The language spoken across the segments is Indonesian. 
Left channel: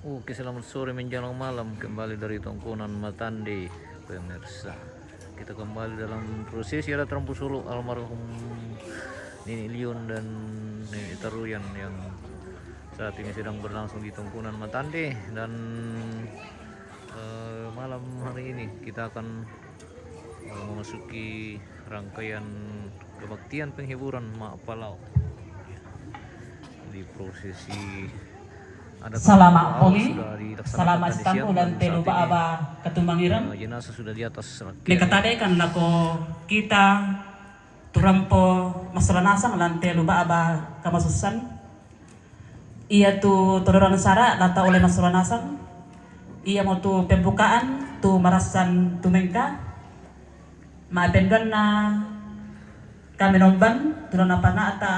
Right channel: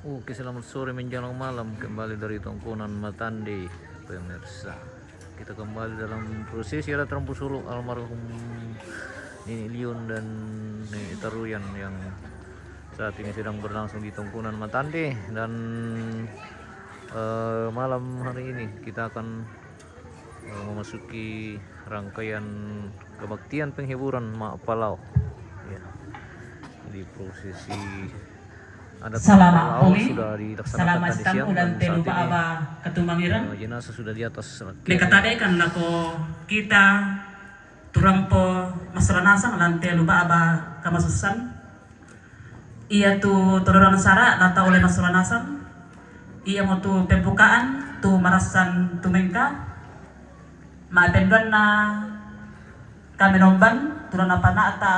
Oke, selamat sore menjelang malam kembali dari Tongkonan Matande, pemirsa. Kita kembali dalam prosesi ada Trampu Solo almarhum Nini Lion dan Nini Taruyan yang saat ini sedang berlangsung di Tongkonan Matande. Dan malam hari ini kita akan memasuki rangkaian kebaktian penghiburan Mak Palau ya, di prosesi adat Salamat Palau kami, sudah dilaksanakan salamat tadi siang ulan dan telu saat ini aba ketumangiran. jenazah sudah di atas Nekatadekan lako kita turampo masranasang lan telu aba kamasusan. Ia tu todoran sara lata oleh masranasang. Ia mau tu pembukaan tu marasan tumengka. Maapenduan na kami nomban turun apa nata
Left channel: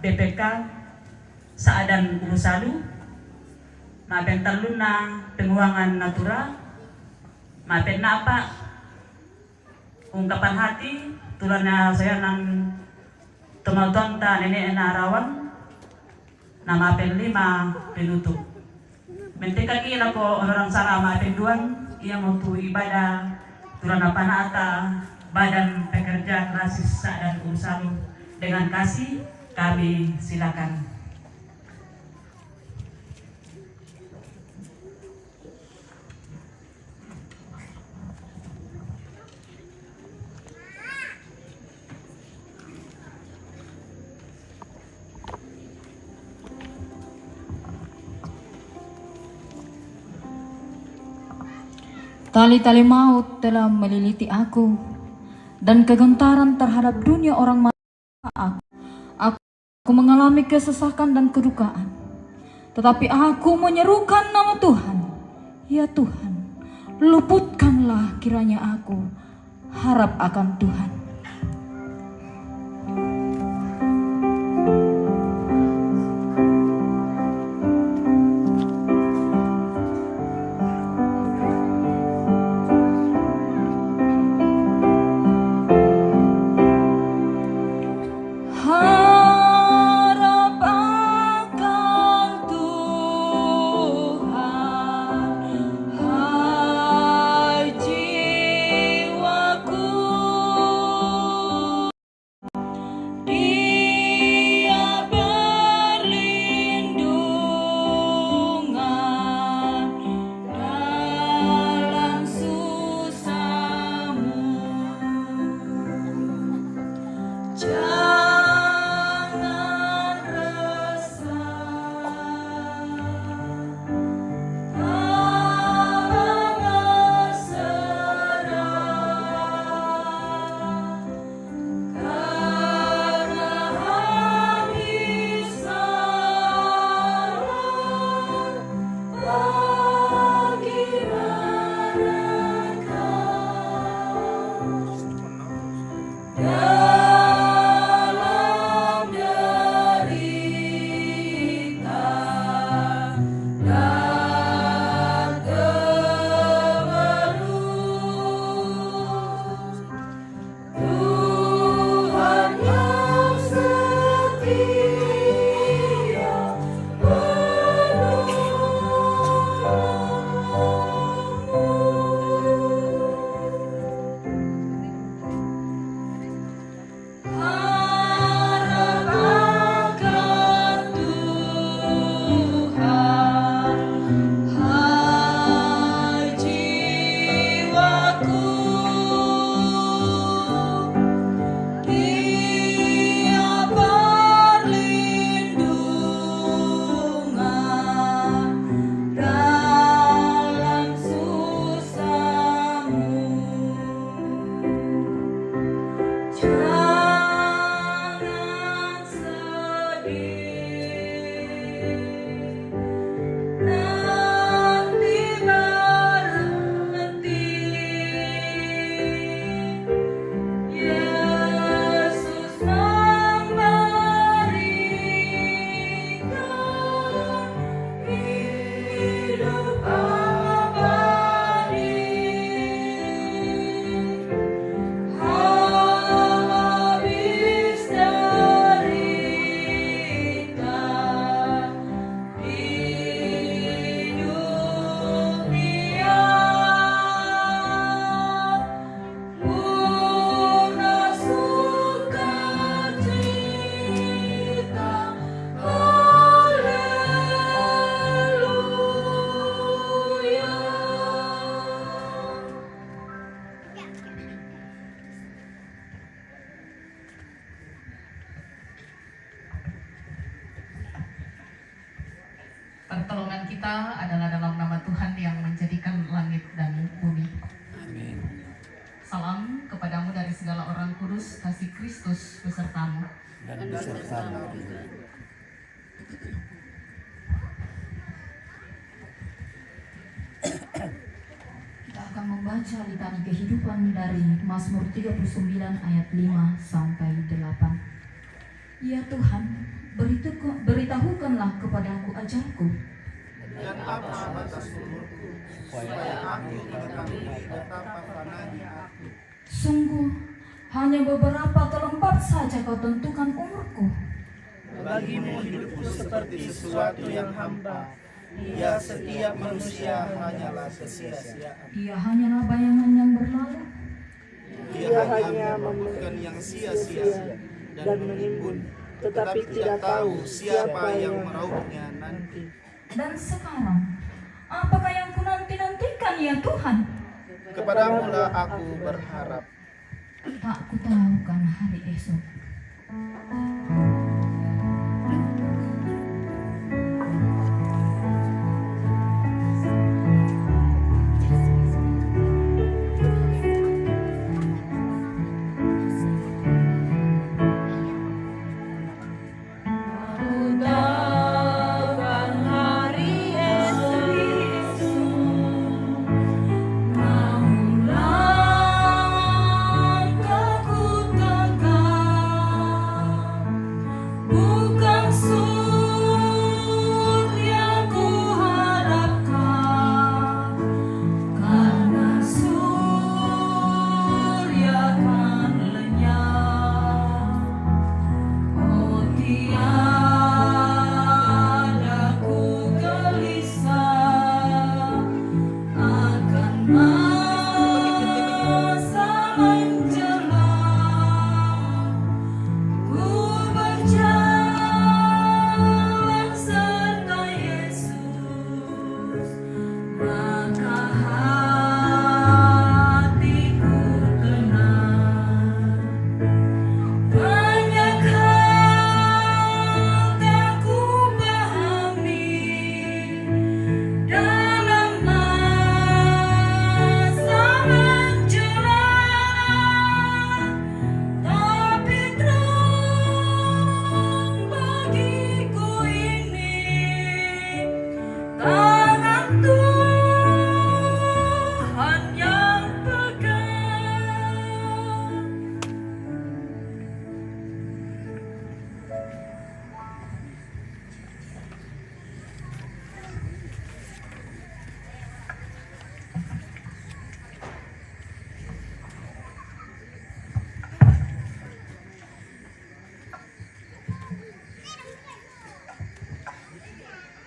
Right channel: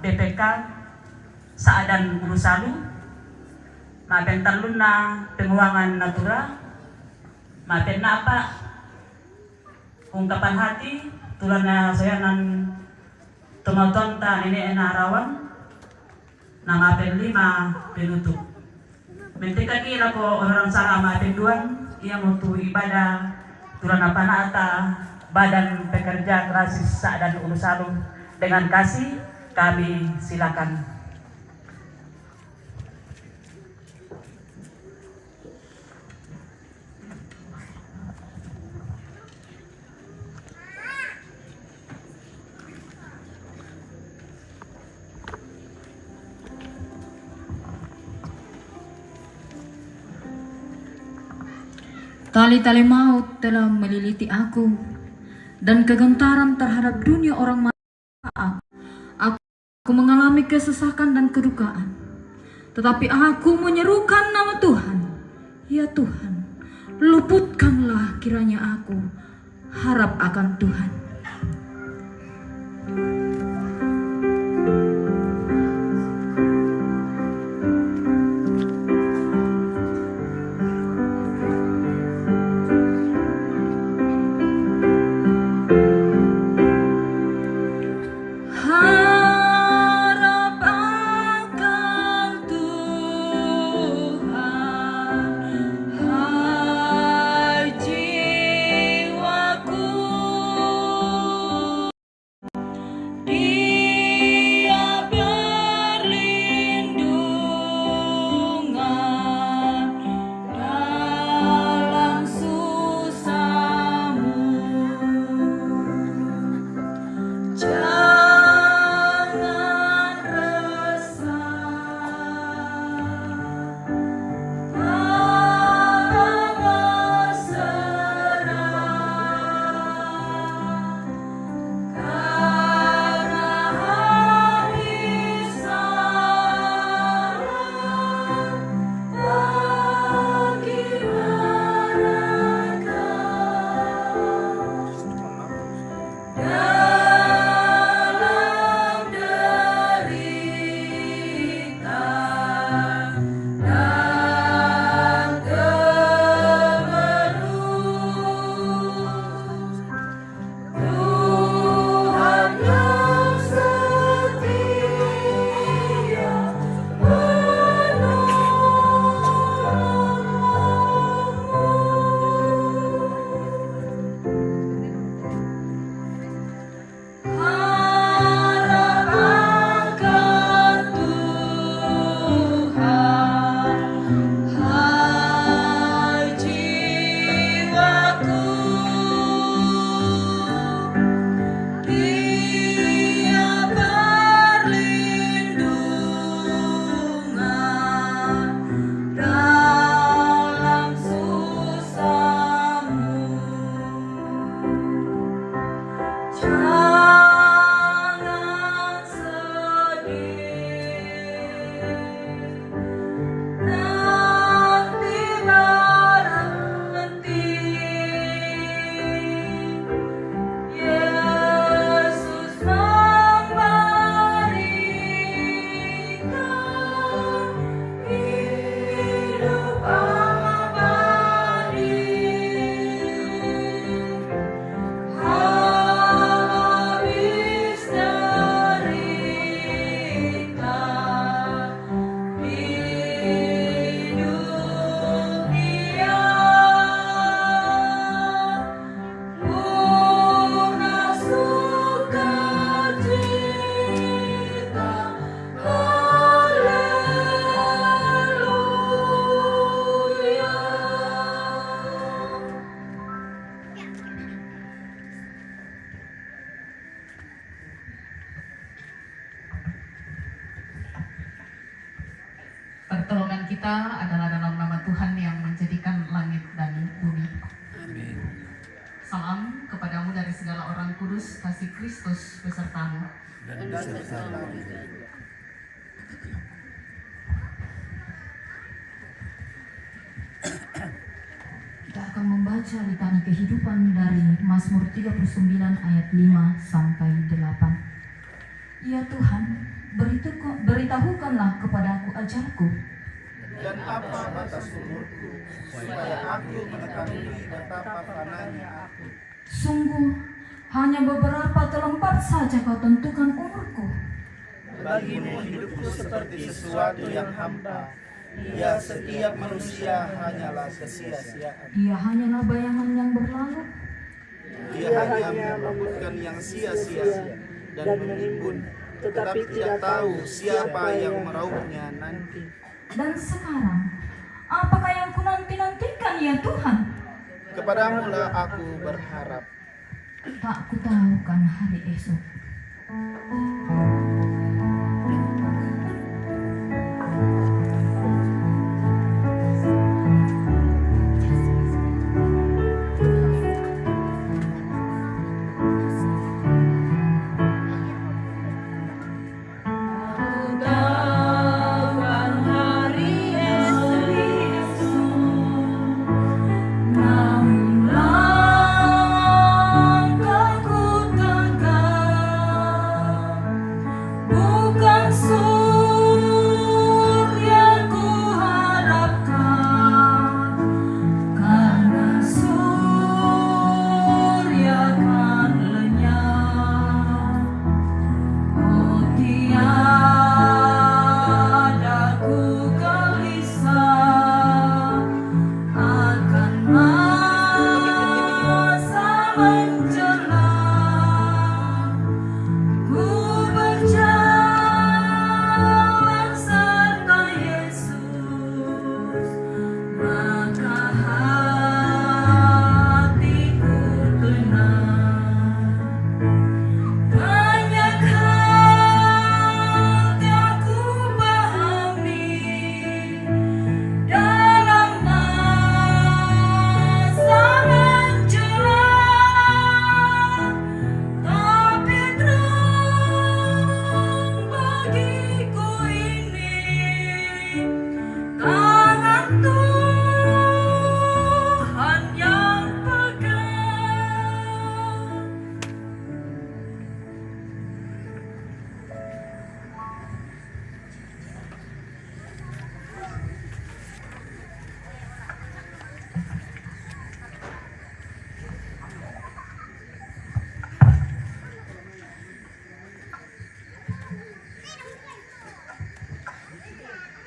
BPK Saadan Urusalu. Mapen taluna penguangan natural, mapen na apa ungkapan hati tulana saya nan tumaton ta ini ena arawang na mapen 5 penutup. Mentika kila ko orang sara mapen duan ia mutu ibadah tulana panata Badan Pekerja Krasis dan Urusalu dengan kasih kami silakan. Tali-tali maut telah meliliti aku, dan kegentaran terhadap dunia orang mata. Aku mengalami kesesakan dan kedukaan. Tetapi aku menyerukan nama Tuhan. Ya Tuhan, luputkanlah kiranya aku harap akan Tuhan. Pertolongan kita adalah dalam nama Tuhan yang menjadikan langit dan bumi. Amin. Salam kepadamu dari segala orang kudus, kasih Kristus besertamu. Dan besertamu juga. Kita akan membaca litani kehidupan dari Mazmur 39 ayat 5 sampai 8. Ya Tuhan, beritahukanlah kepadaku ajarku. Dan apa batas umurku, supaya aku mengetahui betapa panahnya aku. Sungguh, hanya beberapa telempat saja kau tentukan umurku. Bagimu hidupku seperti sesuatu yang hampa. Ya, setiap manusia hanyalah kesia-siaan. Ia hanyalah bayangan yang berlalu. Dia hanya membukan yang sia-sia dan menimbun, tetapi tidak tahu siapa yang merauhnya nanti. Dan sekarang, apakah yang ku nanti-nantikan ya Tuhan? Kepadamu lah aku berharap. Tak ku tahu kan hari esok.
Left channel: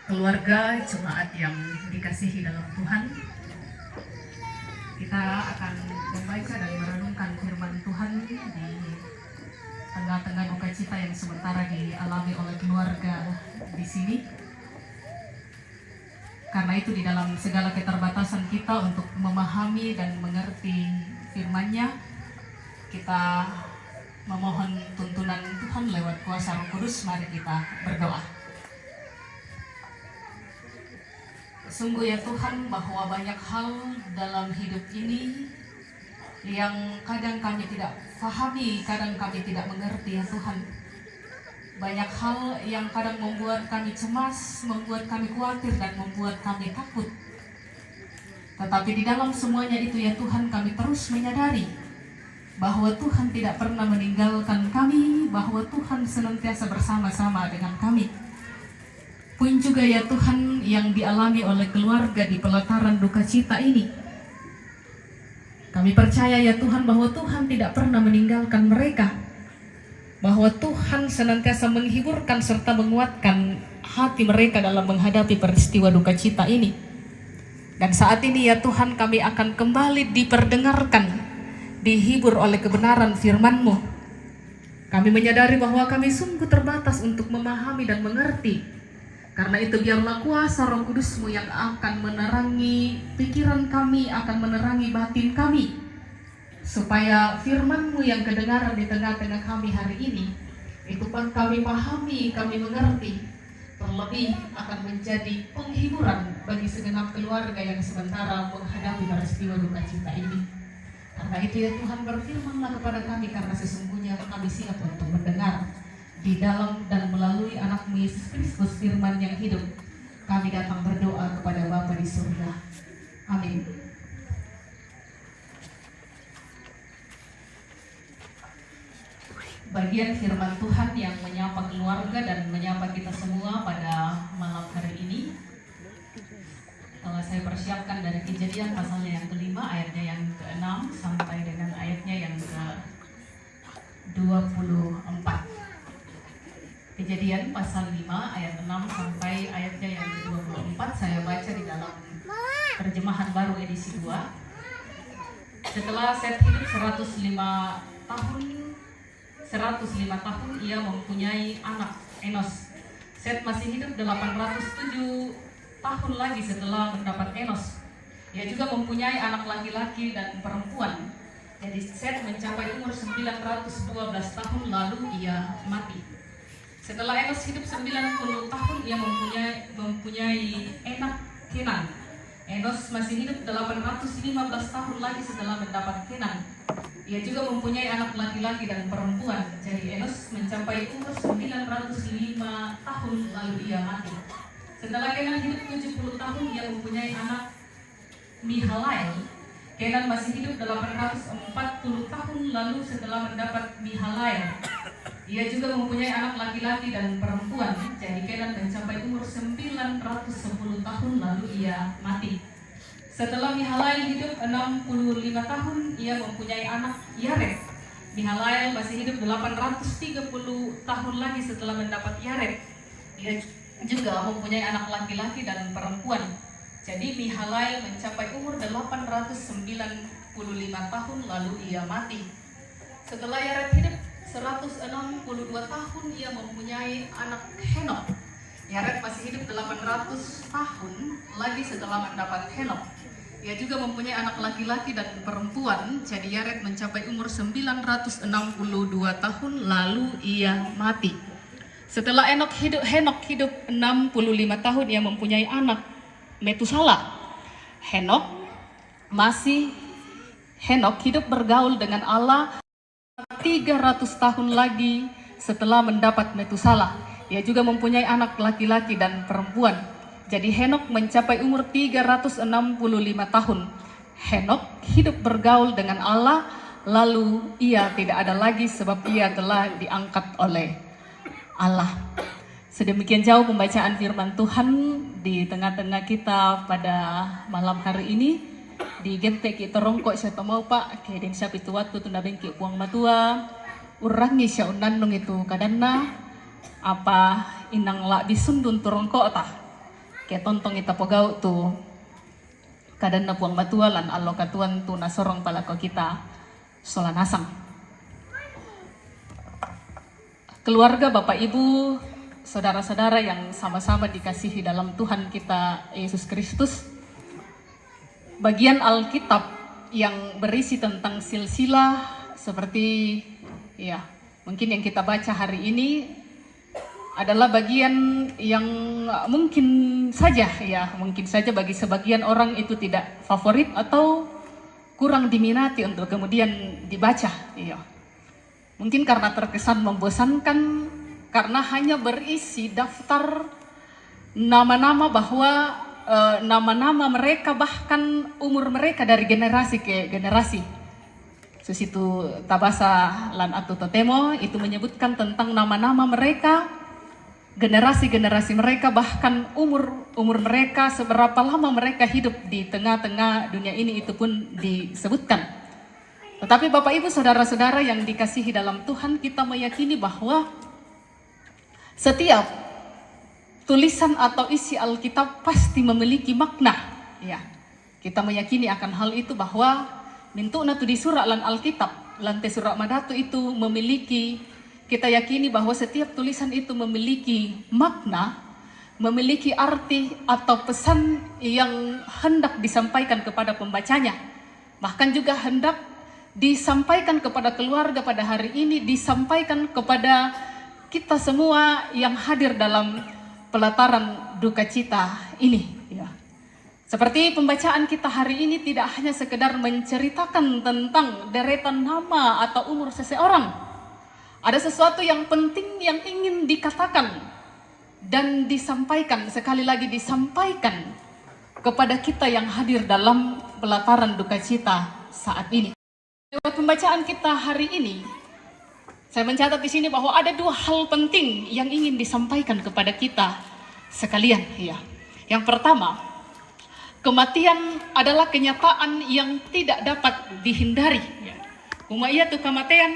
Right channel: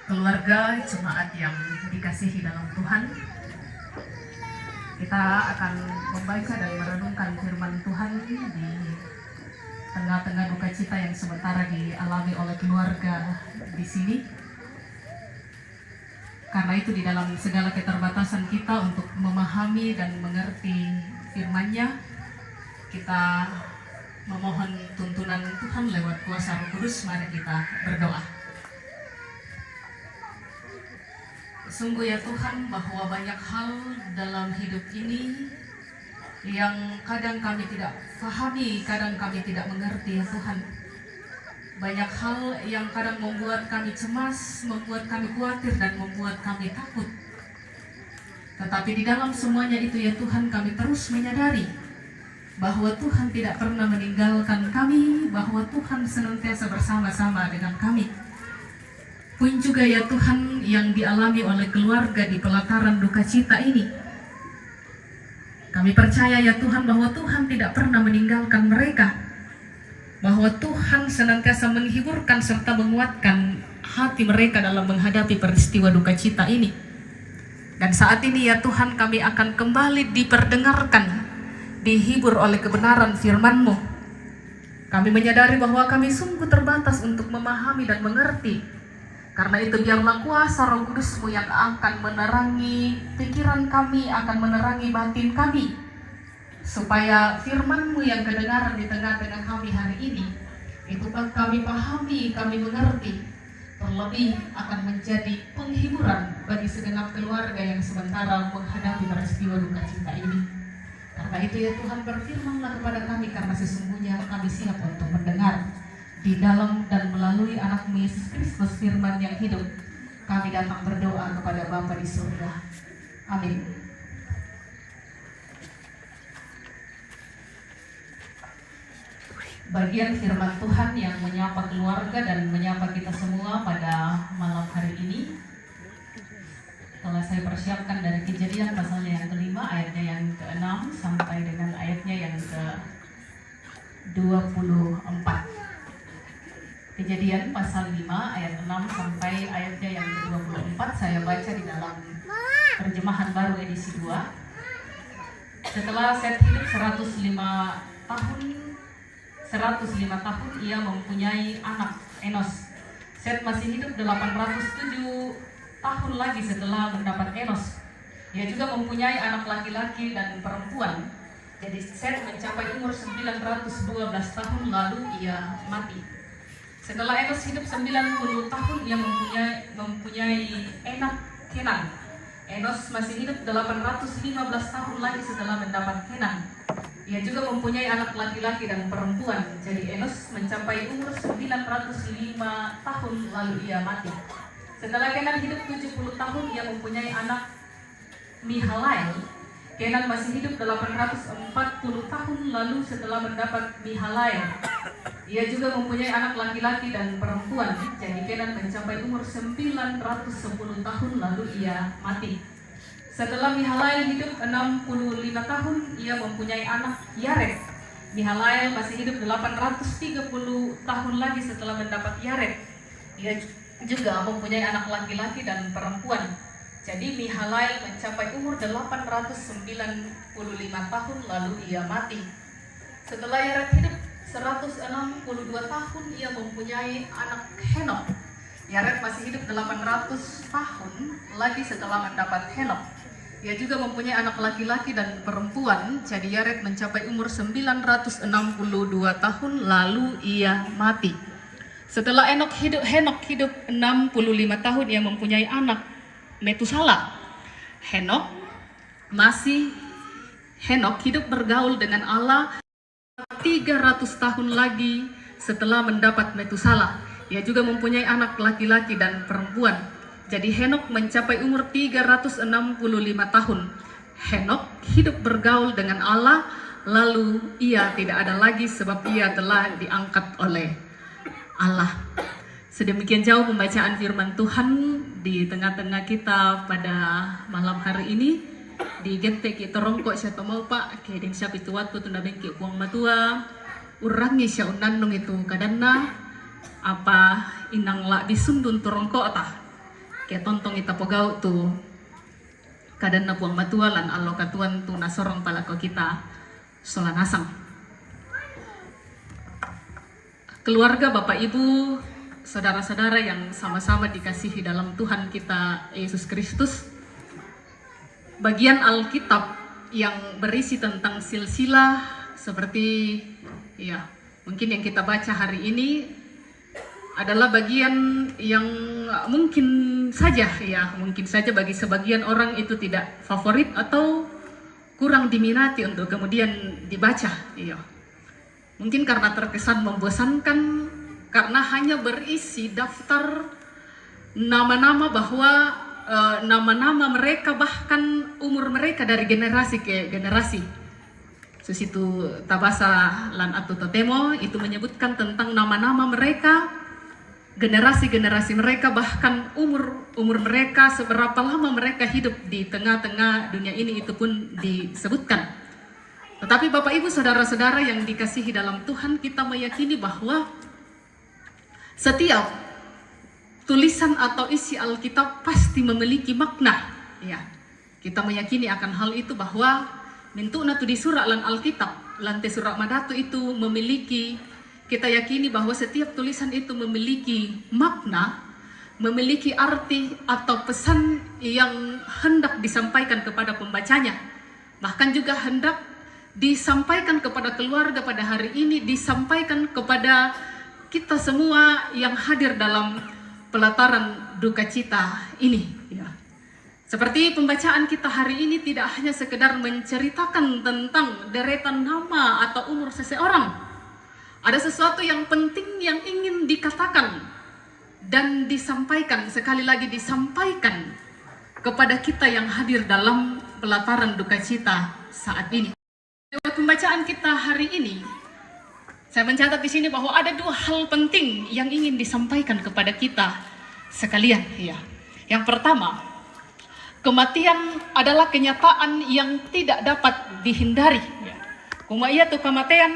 Keluarga jemaat yang dikasihi dalam Tuhan, kita akan membaca dan merenungkan firman Tuhan di tengah-tengah duka cita yang sementara dialami oleh keluarga di sini. Karena itu di dalam segala keterbatasan kita untuk memahami dan mengerti firman-Nya, kita memohon tuntunan Tuhan lewat kuasa Roh Kudus. Mari kita berdoa. Sungguh ya Tuhan, bahwa banyak hal dalam hidup ini yang kadang kami tidak pahami, kadang kami tidak mengerti ya Tuhan. Banyak hal yang kadang membuat kami cemas, membuat kami khawatir, dan membuat kami takut. Tetapi di dalam semuanya itu ya Tuhan, kami terus menyadari bahwa Tuhan tidak pernah meninggalkan kami, bahwa Tuhan senantiasa bersama-sama dengan kami. Pun juga ya Tuhan yang dialami oleh keluarga di pelataran duka cita ini. Kami percaya ya Tuhan bahwa Tuhan tidak pernah meninggalkan mereka. Bahwa Tuhan senantiasa menghiburkan serta menguatkan hati mereka dalam menghadapi peristiwa duka cita ini. Dan saat ini ya Tuhan, kami akan kembali diperdengarkan, dihibur oleh kebenaran firman-Mu. Kami menyadari bahwa kami sungguh terbatas untuk memahami dan mengerti. Karena itu biarlah kuasa Roh Kudus-Mu yang akan menerangi pikiran kami, akan menerangi batin kami, supaya firman-Mu yang kedengaran di tengah-tengah kami hari ini, itu pun kami pahami, kami mengerti, terlebih akan menjadi penghiburan bagi segenap keluarga yang sementara menghadapi peristiwa duka cita ini. Karena itu ya Tuhan, berfirman-Lah kepada kami, karena sesungguhnya kami siap untuk mendengar. Di dalam dan melalui anak-Mu Yesus Kristus, firman yang hidup, kami datang berdoa kepada Bapa di surga. Amin. Bagian firman Tuhan yang menyapa keluarga dan menyapa kita semua pada malam hari ini telah saya persiapkan dari Kejadian pasalnya yang kelima, ayatnya yang ke-6 sampai dengan ayatnya yang ke-24. Kejadian pasal 5 ayat 6 sampai ayatnya yang ke-24 saya baca di dalam terjemahan baru edisi 2. Setelah Set hidup 105 tahun ia mempunyai anak Enos. Set masih hidup 807 tahun lagi setelah mendapat Enos. Ia juga mempunyai anak laki-laki dan perempuan. Jadi Set mencapai umur 912 tahun lalu ia mati. Setelah Enos hidup 90 tahun ia mempunyai anak Kenan. Enos masih hidup 815 tahun lagi setelah mendapat Kenan. Ia juga mempunyai anak laki-laki dan perempuan. Jadi Enos mencapai umur 905 tahun lalu ia mati. Setelah Kenan hidup 70 tahun ia mempunyai anak Mihalael. Kenan masih hidup 840 tahun lalu setelah mendapat Mihalael. Ia juga mempunyai anak laki-laki dan perempuan. Jadi Kenan mencapai umur 910 tahun lalu ia mati. Setelah Mihalael hidup 65 tahun, ia mempunyai anak Yared. Mihalael masih hidup 830 tahun lagi setelah mendapat Yared. Ia juga mempunyai anak laki-laki dan perempuan. Jadi Mihalael mencapai umur 895 tahun lalu ia mati. Setelah Yared hidup 162 tahun, ia mempunyai anak Henok. Yared masih hidup 800 tahun lagi setelah mendapat Henok. Ia juga mempunyai anak laki-laki dan perempuan. Jadi Yared mencapai umur 962 tahun lalu ia mati. Setelah Henok hidup 65 tahun, ia mempunyai anak Metusala. Henok hidup bergaul dengan Allah 300 tahun lagi setelah mendapat Metusala. Ia juga mempunyai anak laki-laki dan perempuan. Jadi Henok mencapai umur 365 tahun. Henok hidup bergaul dengan Allah, lalu ia tidak ada lagi sebab ia telah diangkat oleh Allah. Sedemikian jauh pembacaan firman Tuhan di tengah-tengah kita pada malam hari ini. Di gente kita rongkok siya tomo pak, kaya din siya pituat ko tunda bengki kuang matua, urangi siya unanong itu kadanna, apa inang la bisundun turongkok ta. Kaya tontong ita pogau tu kadan na puang matua lan allo katuan tu nasorong palako kita solanasang. Keluarga, Bapak Ibu, saudara-saudara yang sama-sama dikasihi dalam Tuhan kita Yesus Kristus, bagian Alkitab yang berisi tentang silsilah seperti ya mungkin yang kita baca hari ini adalah bagian yang mungkin saja bagi sebagian orang itu tidak favorit atau kurang diminati untuk kemudian dibaca. Iya. Mungkin karena terkesan membosankan karena hanya berisi daftar nama-nama bahwa nama-nama mereka bahkan umur mereka dari generasi ke generasi. Susitu tabasa lan atu totemo itu menyebutkan tentang nama-nama mereka, generasi-generasi mereka, bahkan umur mereka, seberapa lama mereka hidup di tengah-tengah dunia ini itu pun disebutkan. Tetapi Bapak Ibu saudara-saudara yang dikasihi dalam Tuhan, kita meyakini bahwa setiap tulisan atau isi Alkitab pasti memiliki makna. Ya, kita meyakini akan hal itu bahwa mintuna tu di surah lan Alkitab, lantai surah madatu itu memiliki, kita yakini bahwa setiap tulisan itu memiliki makna, memiliki arti atau pesan yang hendak disampaikan kepada pembacanya. Bahkan juga hendak disampaikan kepada keluarga pada hari ini, disampaikan kepada kita semua yang hadir dalam pelataran duka cita ini. Ya. Seperti pembacaan kita hari ini tidak hanya sekedar menceritakan tentang deretan nama atau umur seseorang. Ada sesuatu yang penting yang ingin dikatakan dan disampaikan, sekali lagi disampaikan kepada kita yang hadir dalam pelataran duka cita saat ini. Lewat pembacaan kita hari ini, saya mencatat di sini bahwa ada dua hal penting yang ingin disampaikan kepada kita sekalian. Ya. Yang pertama, kematian adalah kenyataan yang tidak dapat dihindari. Ya. Kematian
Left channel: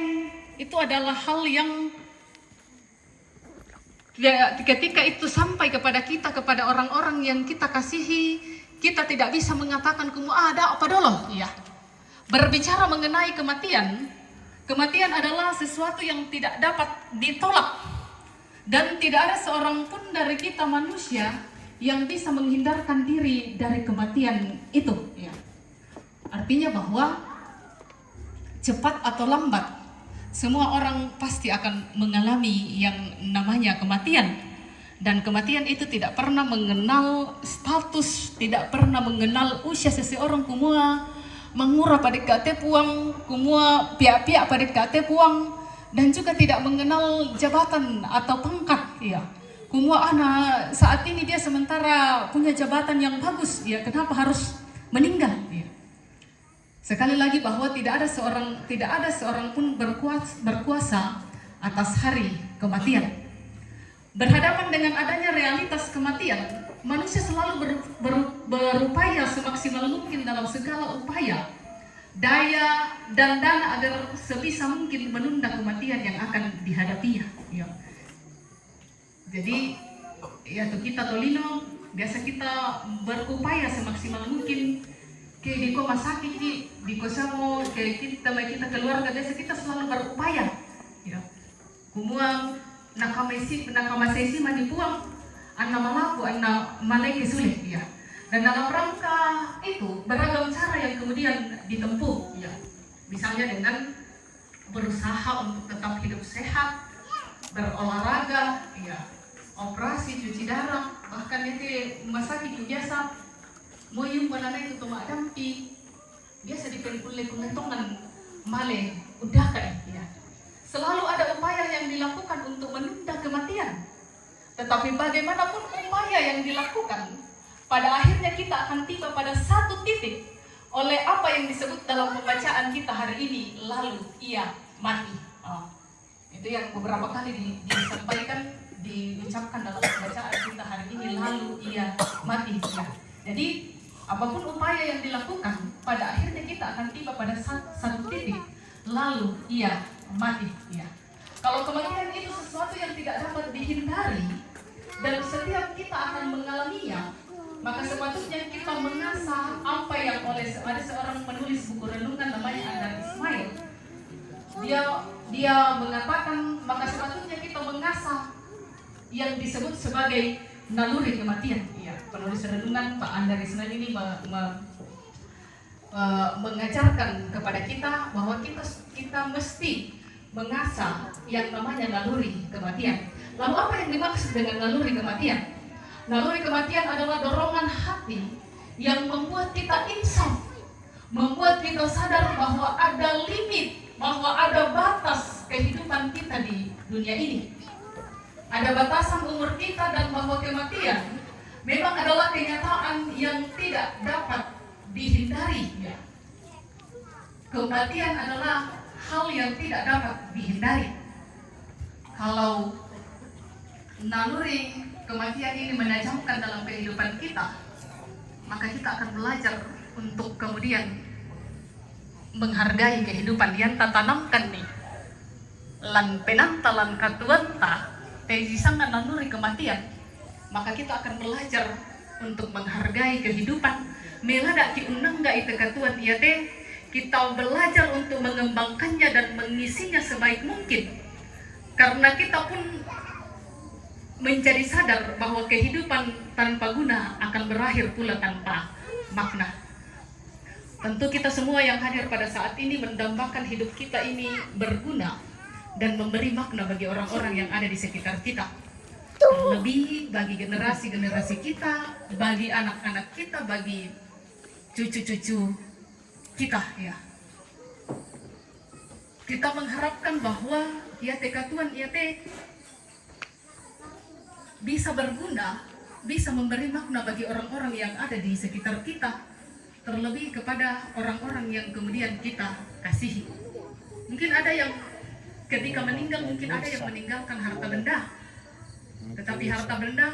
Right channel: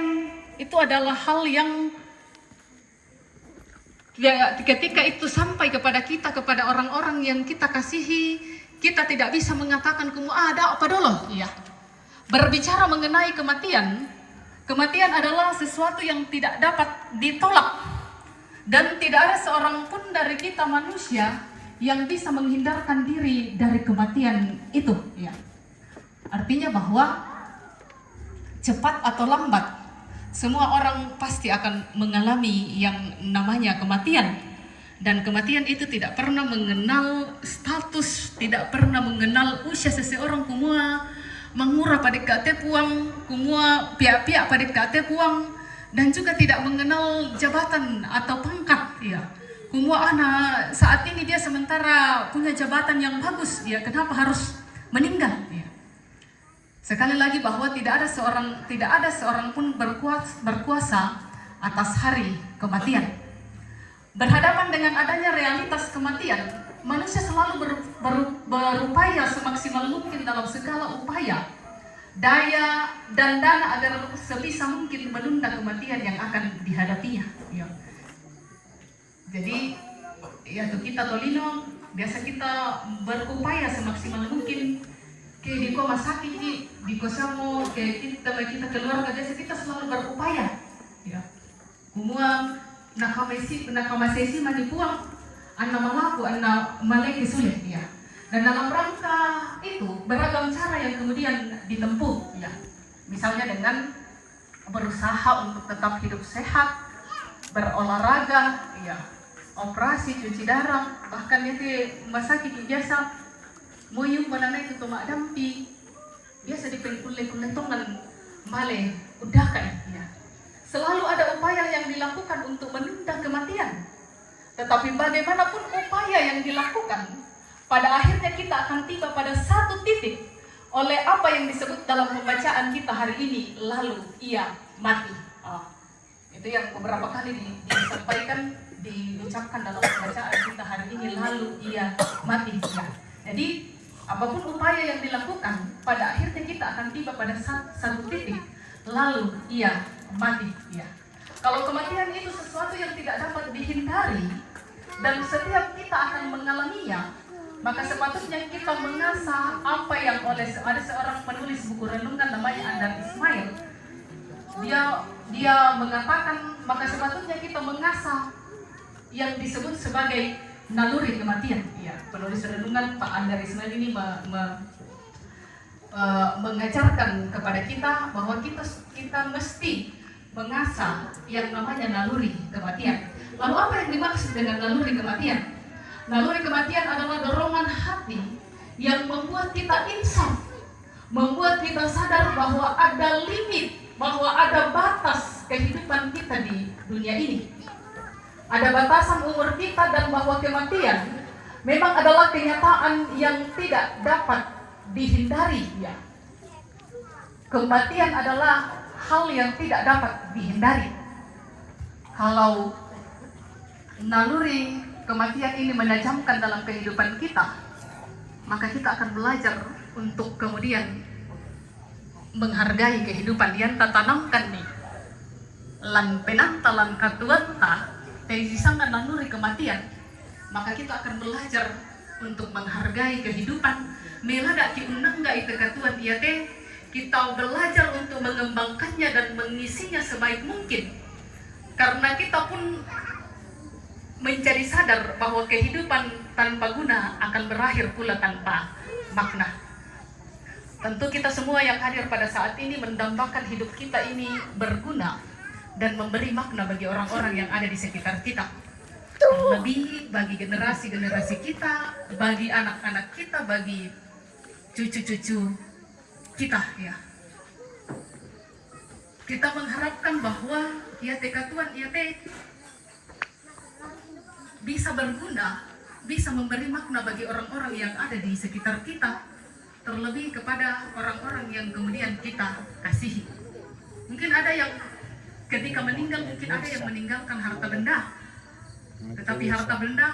itu adalah hal yang ketika itu sampai kepada kita, kepada orang-orang yang kita kasihi, kita tidak bisa mengatakan ada apa dulu. Ya. Berbicara mengenai kematian, kematian adalah sesuatu yang tidak dapat ditolak. Dan tidak ada seorang pun dari kita manusia yang bisa menghindarkan diri dari kematian itu. Ya. Artinya bahwa cepat atau lambat, semua orang pasti akan mengalami yang namanya kematian. Dan kematian itu tidak pernah mengenal status, tidak pernah mengenal usia seseorang. Kumua mengura pada kate puang, kumua pihak-pihak pada kate puang, dan juga tidak mengenal jabatan atau pangkat. Ya. Kumua anak saat ini dia sementara punya jabatan yang bagus, ya kenapa harus meninggal? Ya. Sekali lagi bahwa tidak ada seorang pun berkuasa atas hari kematian. Berhadapan dengan adanya realitas kematian, manusia selalu berupaya semaksimal mungkin dalam segala upaya, daya dan dana agar sebisa mungkin menunda kematian yang akan dihadapinya. Ya. Jadi, ya kita tolino, biasa kita berupaya semaksimal mungkin. Kayak di rumah sakit di kosamo, kayak kita keluarga biasa kita selalu berupaya. Ya. Kumuang nakamasesi manipuang, anak mamaku, anak maleki sulit. Ya. Dan dalam rangka itu beragam cara yang kemudian ditempuh. Ya. Misalnya dengan berusaha untuk tetap hidup sehat, berolahraga, ya, operasi cuci darah, bahkan itu rumah sakit biasa. Moyong pananay itu tumak dampi, biasa dipengkulay-kulay male udah kan ya. Selalu ada upaya yang dilakukan untuk menunda kematian. Tetapi bagaimanapun upaya yang dilakukan, pada akhirnya kita akan tiba pada satu titik oleh apa yang disebut dalam pembacaan kita hari ini, lalu ia mati. Itu yang beberapa kali disampaikan, diucapkan dalam pembacaan kita hari ini, lalu ia mati. Ya. Jadi apapun upaya yang dilakukan, pada akhirnya kita akan tiba pada satu titik, lalu ia mati. Ya. Kalau kematian itu sesuatu yang tidak dapat dihindari, dan setiap kita akan mengalaminya, maka sepatutnya kita mengasah apa yang ada seorang penulis buku renungan namanya Andar Ismail. Dia mengatakan, maka sepatutnya kita mengasah yang disebut sebagai naluri kematian. Ya, penulis renungan Pak Andar Ismail ini mengajarkan kepada kita bahwa kita mesti mengasah yang namanya naluri kematian. Lalu apa yang dimaksud dengan naluri kematian? Naluri kematian adalah dorongan hati yang membuat kita insaf, membuat kita sadar bahwa ada limit, bahwa ada batas kehidupan kita di dunia ini. Ada batasan umur kita, dan bahwa kematian memang adalah kenyataan yang tidak dapat dihindari. Ya. Kematian adalah hal yang tidak dapat dihindari. Kalau naluri kematian ini menajamkan dalam kehidupan kita, maka kita akan belajar untuk kemudian menghargai kehidupan yang tatanamkan nih. Lan penanta lan katuanta sangat naluri kematian, maka kita akan belajar untuk menghargai kehidupan. Melada ki unangga itu katuan dia teh, kita belajar untuk mengembangkannya dan mengisinya sebaik mungkin. Karena kita pun menjadi sadar bahwa kehidupan tanpa guna akan berakhir pula tanpa makna. Tentu kita semua yang hadir pada saat ini mendambakan hidup kita ini berguna dan memberi makna bagi orang-orang yang ada di sekitar kita. terlebih bagi generasi-generasi kita, bagi anak-anak kita, bagi cucu-cucu kita ya. Kita mengharapkan bahwa ya Tuhan ya bisa berguna, bisa memberi makna bagi orang-orang yang ada di sekitar kita, terlebih kepada orang-orang yang kemudian kita kasihi. Mungkin ada yang ketika meninggal, mungkin ada yang meninggalkan harta benda, tetapi harta benda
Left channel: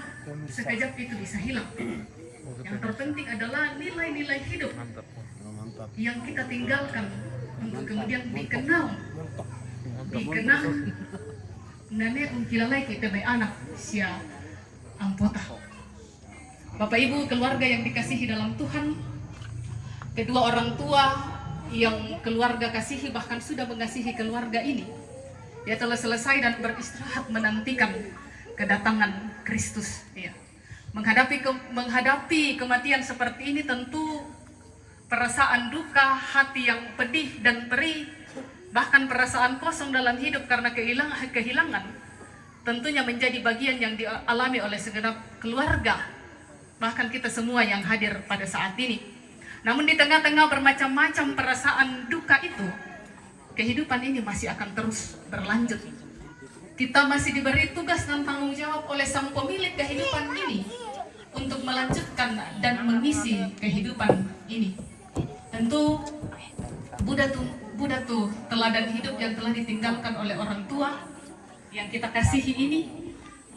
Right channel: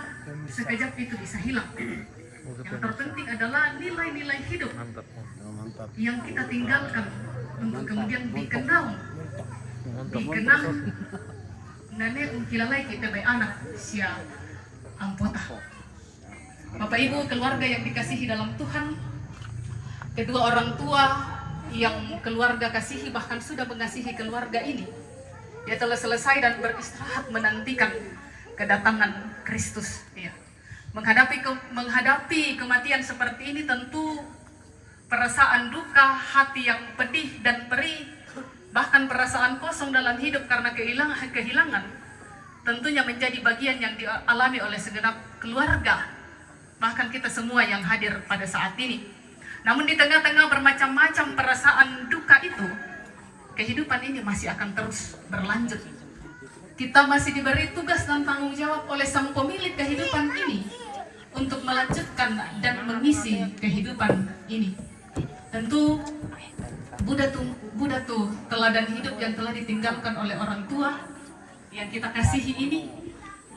sekejap itu bisa hilang. Yang terpenting adalah nilai-nilai hidup yang kita tinggalkan untuk kemudian dikenal nenek ungkilalai kita bay anak sia ampota. Bapak Ibu, keluarga yang dikasihi dalam Tuhan, kedua orang tua yang keluarga kasihi bahkan sudah mengasihi keluarga ini, dia telah selesai dan beristirahat menantikan kedatangan Kristus ya. Menghadapi kematian seperti ini tentu perasaan duka, hati yang pedih dan perih, bahkan perasaan kosong dalam hidup karena kehilangan tentunya menjadi bagian yang dialami oleh segenap keluarga, bahkan kita semua yang hadir pada saat ini. Namun di tengah-tengah bermacam-macam perasaan duka itu, kehidupan ini masih akan terus berlanjut. Kita masih diberi tugas dan tanggung jawab oleh Sang Pemilik kehidupan ini untuk melanjutkan dan mengisi kehidupan ini. Tentu Buddha tuh teladan hidup yang telah ditinggalkan oleh orang tua yang kita kasihi ini,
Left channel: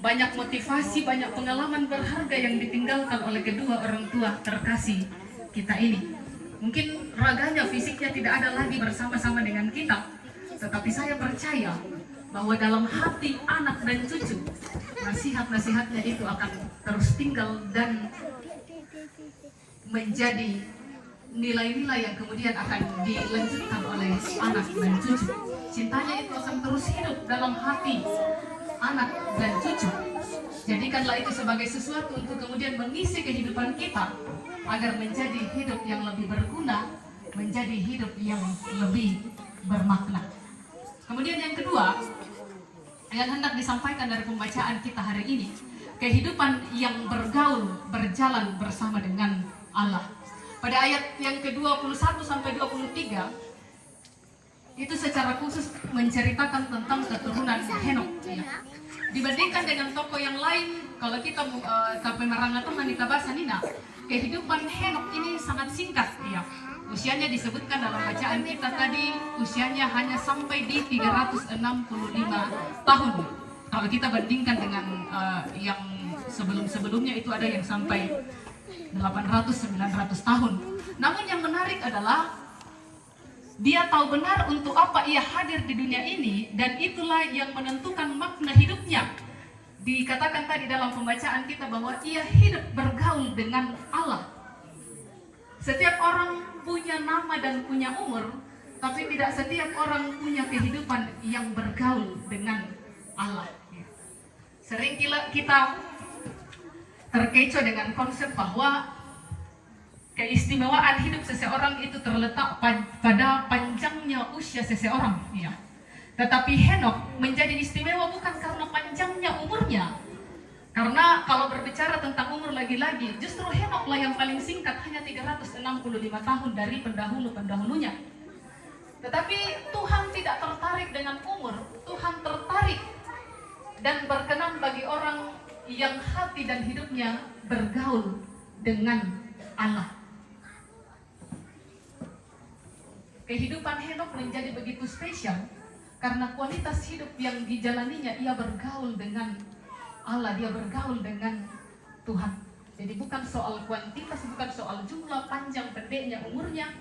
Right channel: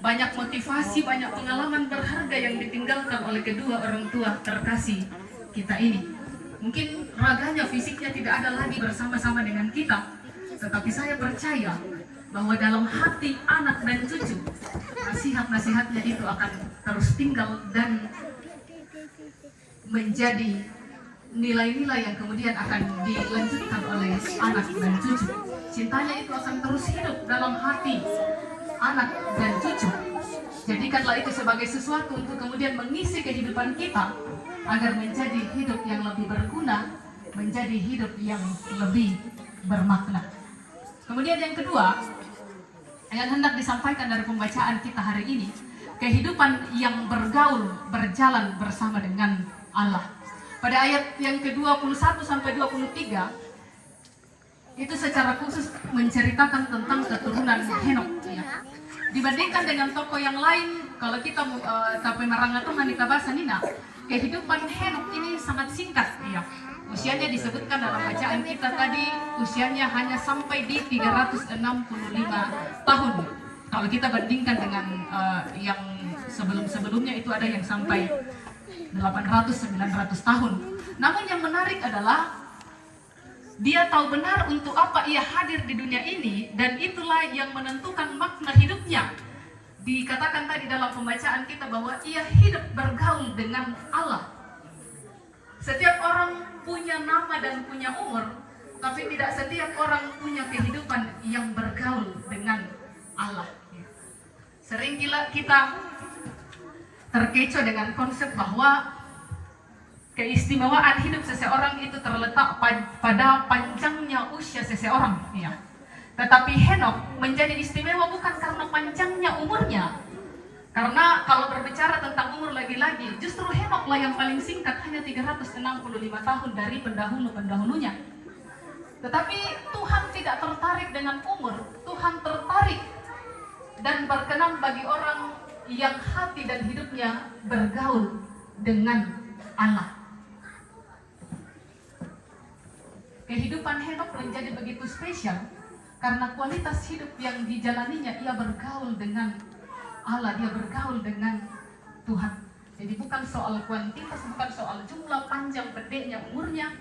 banyak motivasi, banyak pengalaman berharga yang ditinggalkan oleh kedua orang tua terkasih kita ini. Mungkin raganya, fisiknya tidak ada lagi bersama-sama dengan kita, tetapi saya percaya bahwa dalam hati anak dan cucu, nasihat-nasihatnya itu akan terus tinggal dan menjadi nilai-nilai yang kemudian akan dilanjutkan oleh anak dan cucu. Cintanya itu akan terus hidup dalam hati anak dan cucu. Jadikanlah itu sebagai sesuatu untuk kemudian mengisi kehidupan kita agar menjadi hidup yang lebih berguna, menjadi hidup yang lebih bermakna. Kemudian yang kedua yang hendak disampaikan dari pembacaan kita hari ini, kehidupan yang bergaul, berjalan bersama dengan Allah. Pada ayat yang ke-21 sampai 23 itu secara khusus menceritakan tentang keturunan Henok ya. Dibandingkan dengan tokoh yang lain, kalau kita tapi marangatong kita bahasa nina, kehidupan Henok ini sangat singkat ya. Usianya disebutkan dalam bacaan kita tadi, usianya hanya sampai di 365 tahun. Kalau kita bandingkan dengan yang sebelum-sebelumnya itu ada yang sampai 800-900 tahun. Namun yang menarik adalah dia tahu benar untuk apa ia hadir di dunia ini, dan itulah yang menentukan makna hidupnya. Dikatakan tadi dalam pembacaan kita bahwa ia hidup bergaul dengan Allah. Setiap orang punya nama dan punya umur, tapi tidak setiap orang punya kehidupan yang bergaul dengan Allah. Sering kita terkecoh dengan konsep bahwa keistimewaan hidup seseorang itu terletak pada panjangnya usia seseorang ya. Tetapi Henok menjadi istimewa bukan karena panjangnya umurnya, karena kalau berbicara tentang umur lagi-lagi, justru Henoklah yang paling singkat, hanya 365 tahun dari pendahulu-pendahulunya. Tetapi Tuhan tidak tertarik dengan umur, Tuhan tertarik dan berkenan bagi orang yang hati dan hidupnya bergaul dengan Allah. Kehidupan Henok menjadi begitu spesial karena kualitas hidup yang dijalaninya, ia bergaul dengan Allah, dia bergaul dengan Tuhan. Jadi bukan soal kuantitas, bukan soal jumlah, panjang, pendeknya, umurnya,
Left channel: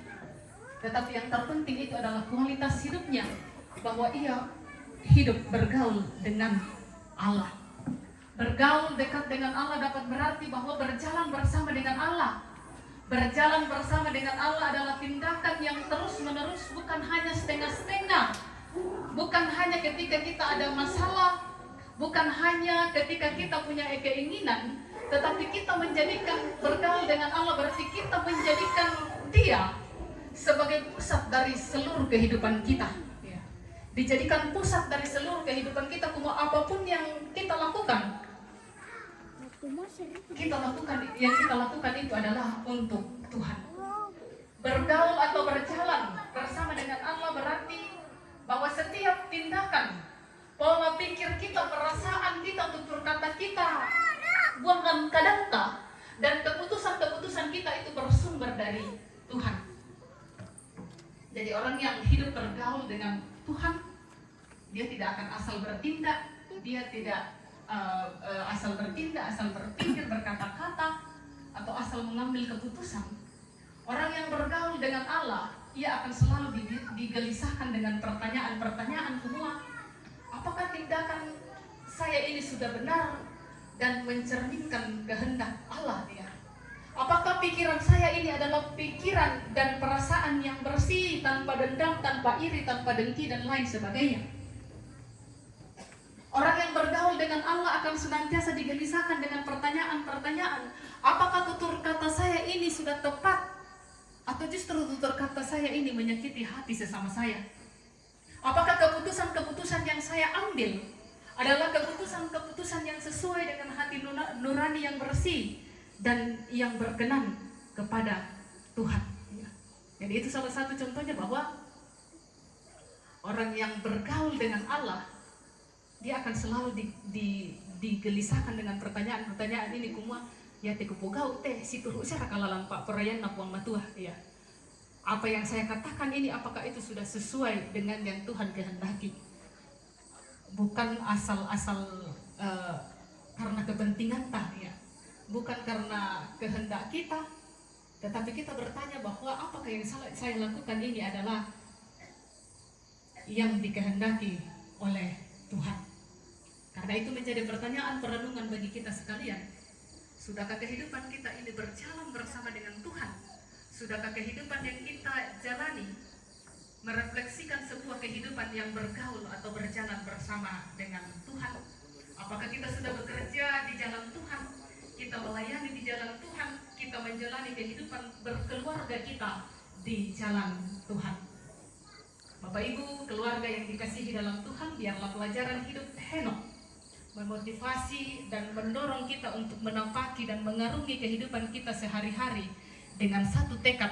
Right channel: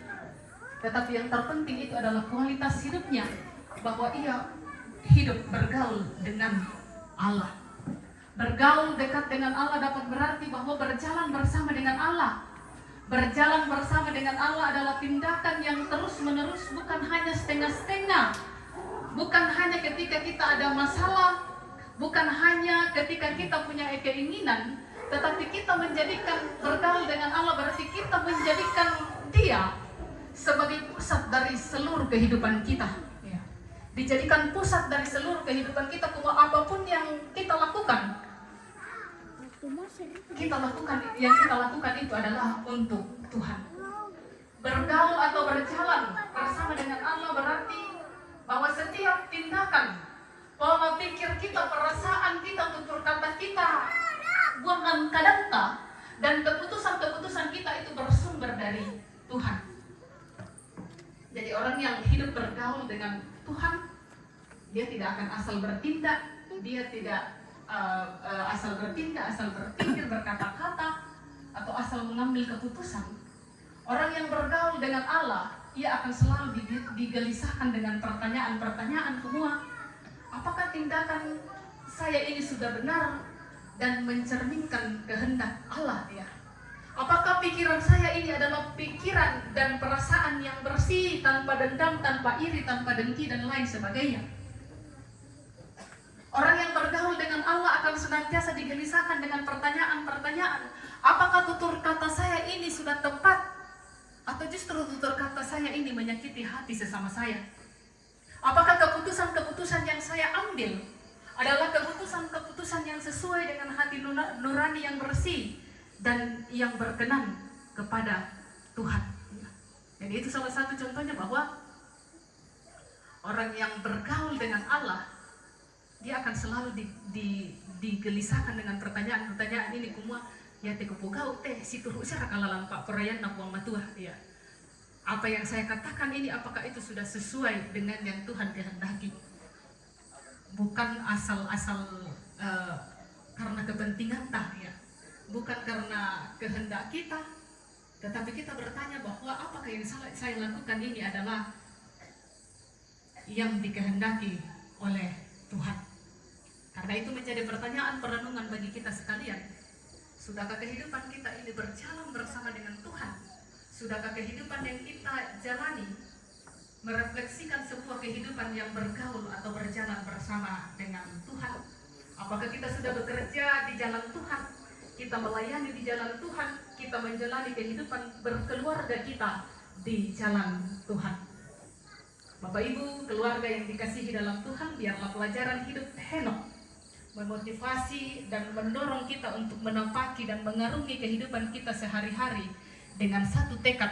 tetapi yang terpenting itu adalah kualitas hidupnya, bahwa ia hidup bergaul dengan Allah. Bergaul dekat dengan Allah dapat berarti bahwa berjalan bersama dengan Allah. Berjalan bersama dengan Allah adalah tindakan yang terus-menerus, bukan hanya setengah-setengah, bukan hanya ketika kita ada masalah, bukan hanya ketika kita punya keinginan, tetapi kita menjadikan bergaul dengan Allah berarti kita menjadikan Dia sebagai pusat dari seluruh kehidupan kita. Dijadikan pusat dari seluruh kehidupan kita, apapun yang kita lakukan, yang kita lakukan itu adalah untuk Tuhan. Bergaul atau berjalan bersama dengan Allah berarti bahwa setiap tindakan, pola pikir kita, perasaan kita, tutur kata kita, buang kadangka, dan keputusan-keputusan kita itu bersumber dari Tuhan. Jadi orang yang hidup bergaul dengan Tuhan, dia tidak akan asal bertindak, dia tidak asal bertindak, asal berpikir, berkata-kata, atau asal mengambil keputusan. Orang yang bergaul dengan Allah, ia akan selalu digelisahkan dengan pertanyaan-pertanyaan semua. Apakah tindakan saya ini sudah benar dan mencerminkan kehendak Allah ya? Apakah pikiran saya ini adalah pikiran dan perasaan yang bersih, tanpa dendam, tanpa iri, tanpa dengki, dan lain sebagainya? Orang yang bergaul dengan Allah akan senantiasa digelisahkan dengan pertanyaan-pertanyaan. Apakah tutur kata saya ini sudah tepat? Atau justru tutur kata saya ini menyakiti hati sesama saya? Apakah keputusan-keputusan yang saya ambil adalah keputusan-keputusan yang sesuai dengan hati nurani yang bersih dan yang berkenan kepada Tuhan? Jadi itu salah satu contohnya bahwa orang yang bergaul dengan Allah, dia akan selalu digelisahkan dengan pertanyaan-pertanyaan ini kumua ya teh kupogau teh situ usara kalalan pak perayan napuang matua ya. Apa yang saya katakan ini apakah itu sudah sesuai dengan yang Tuhan kehendaki? Bukan asal-asal karena kepentingan tah ya. Bukan karena kehendak kita, tetapi kita bertanya bahwa apakah yang saya lakukan ini adalah yang dikehendaki oleh Tuhan. Karena itu menjadi pertanyaan perenungan bagi kita sekalian. Sudahkah kehidupan kita ini berjalan bersama dengan Tuhan? Sudahkah kehidupan yang kita jalani merefleksikan sebuah kehidupan yang bergaul atau berjalan bersama dengan Tuhan? Apakah kita sudah bekerja di jalan Tuhan? Kita melayani di jalan Tuhan? Kita menjalani kehidupan berkeluarga kita di jalan Tuhan? Bapak Ibu, keluarga yang dikasihi dalam Tuhan, biarlah pelajaran hidup Henokh memotivasi dan mendorong kita untuk menapaki dan mengarungi kehidupan kita sehari-hari dengan satu tekad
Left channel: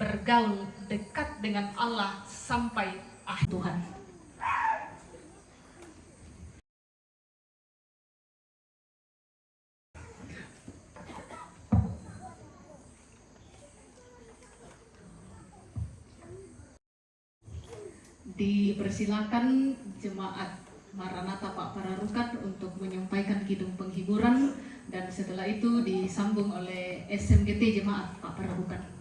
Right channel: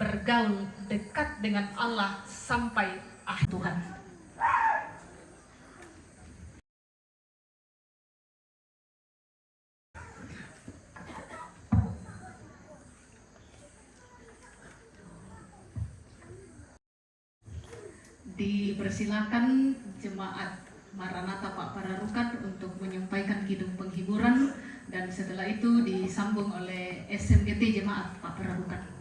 bergaul dekat dengan Allah sampai akhir Tuhan. Dipersilakan jemaat Maranatha Pak Pararukan untuk menyampaikan kidung penghiburan, dan setelah itu disambung oleh SMGT Jemaat Pak Pararukan.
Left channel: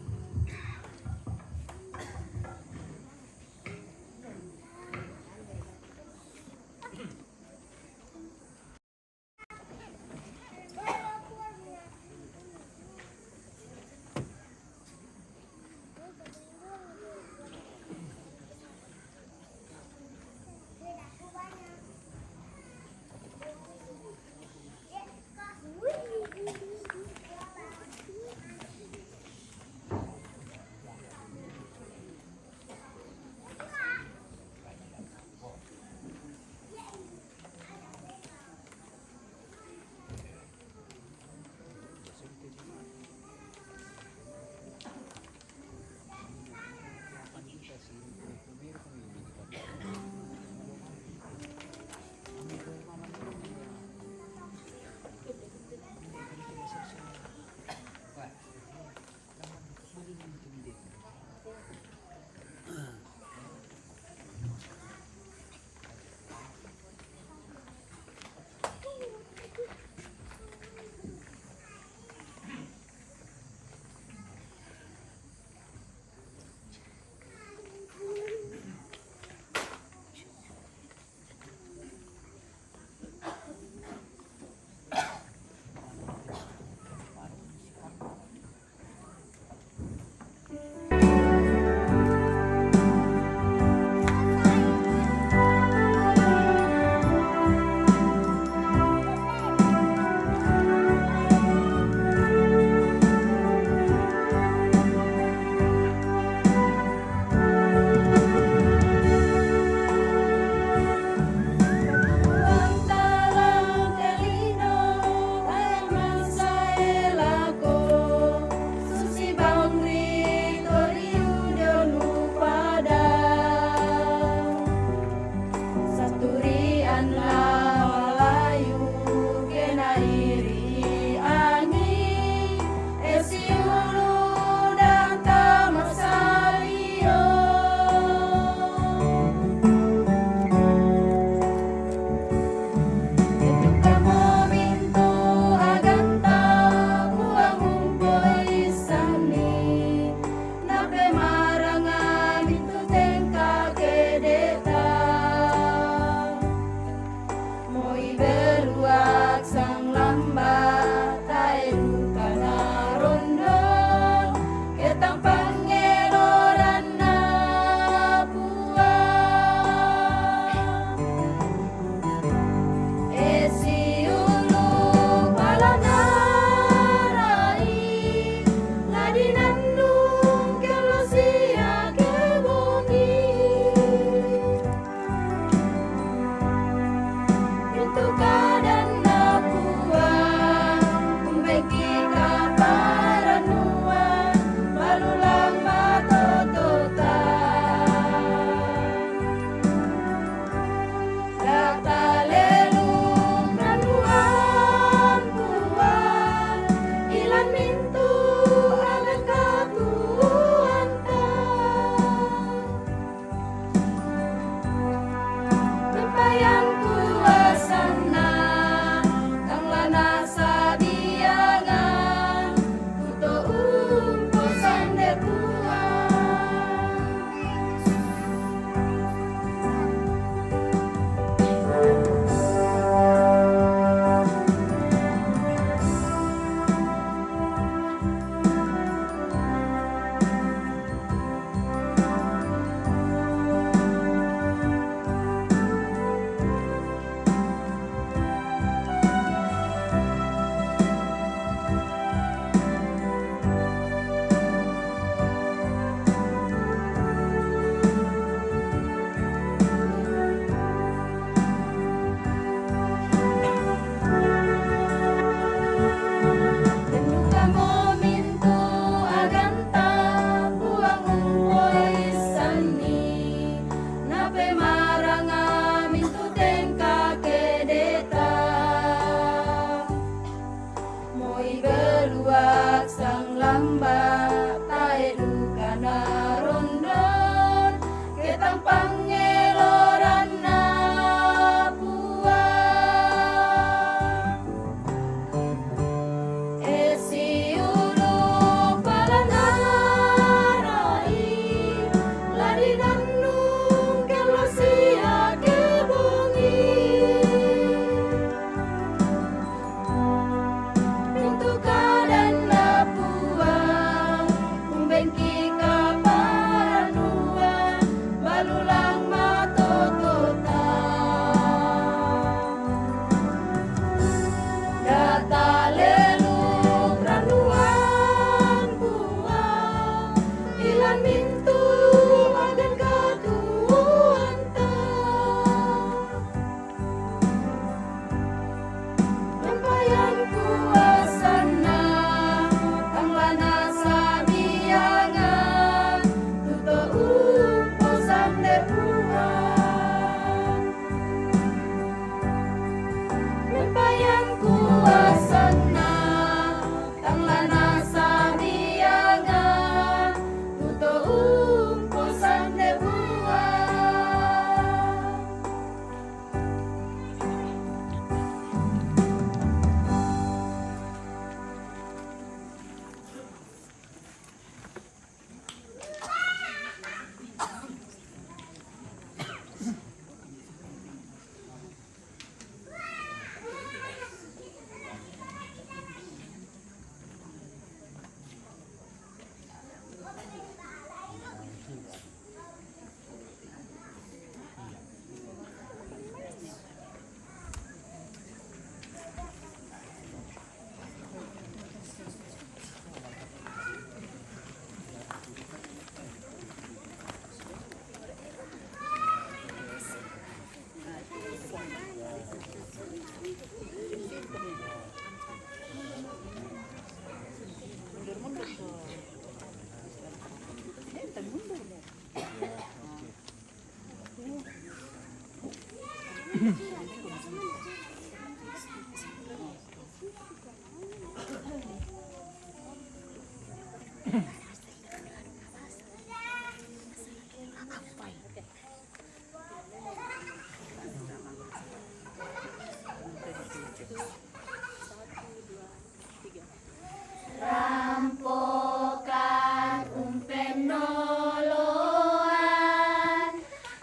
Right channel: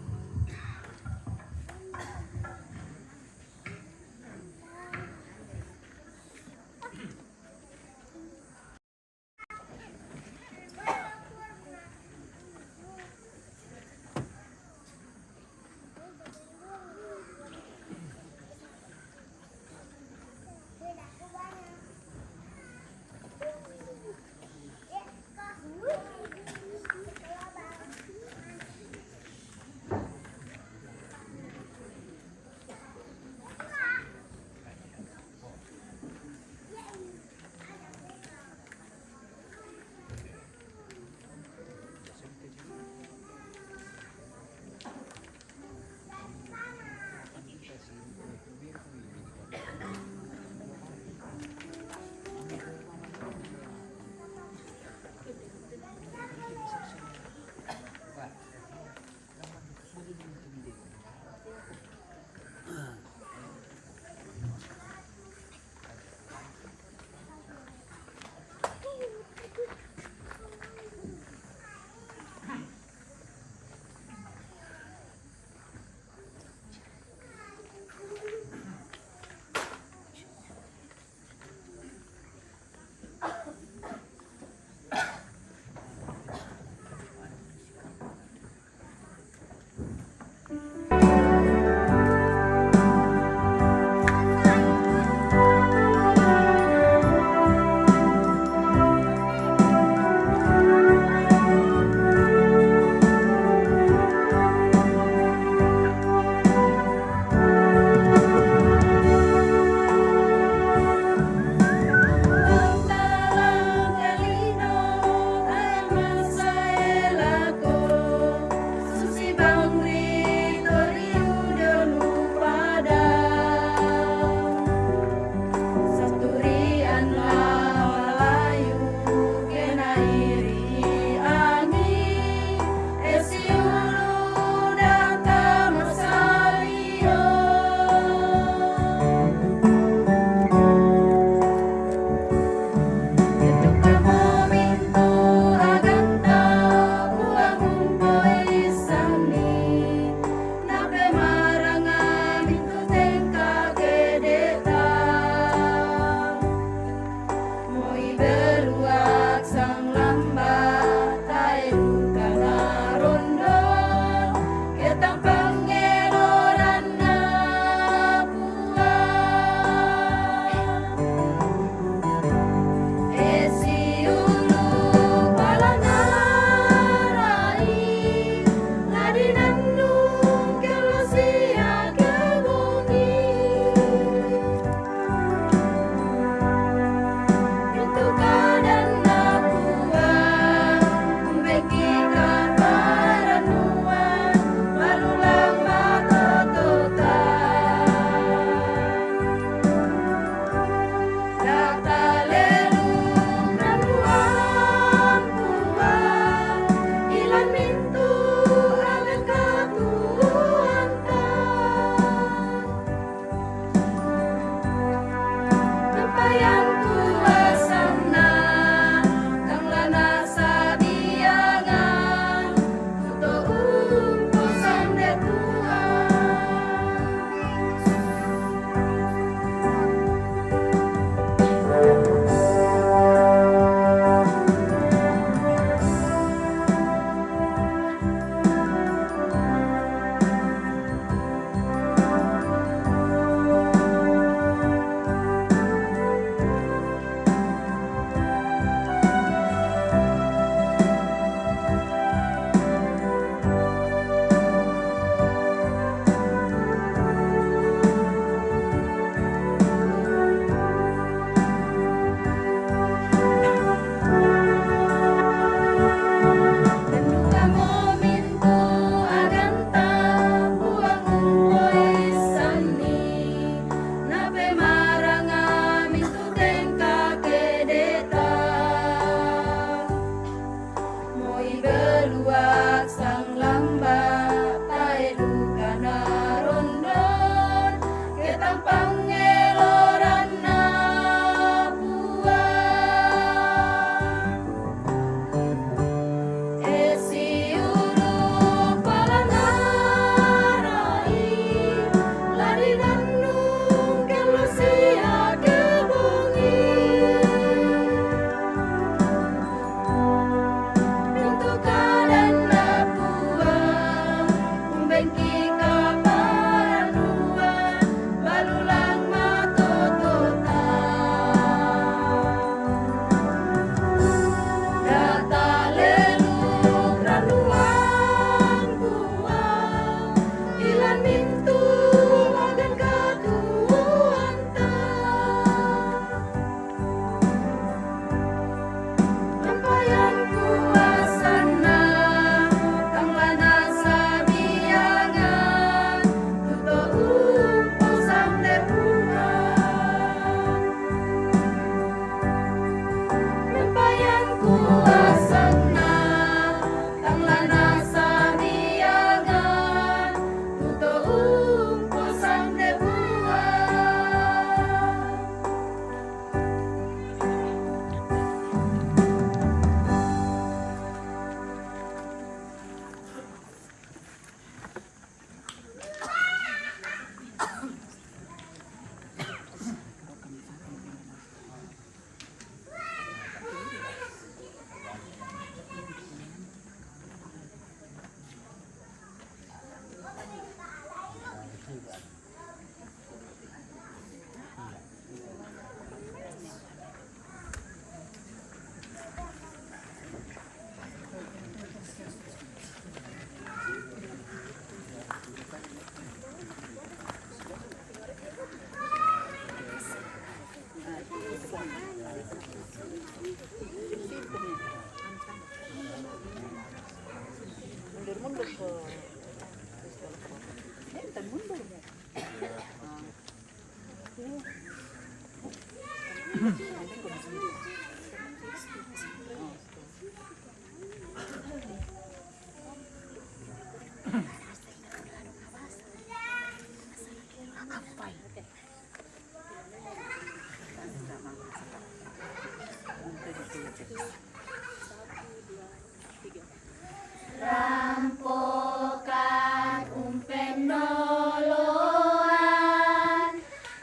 Rampokan umpen noloan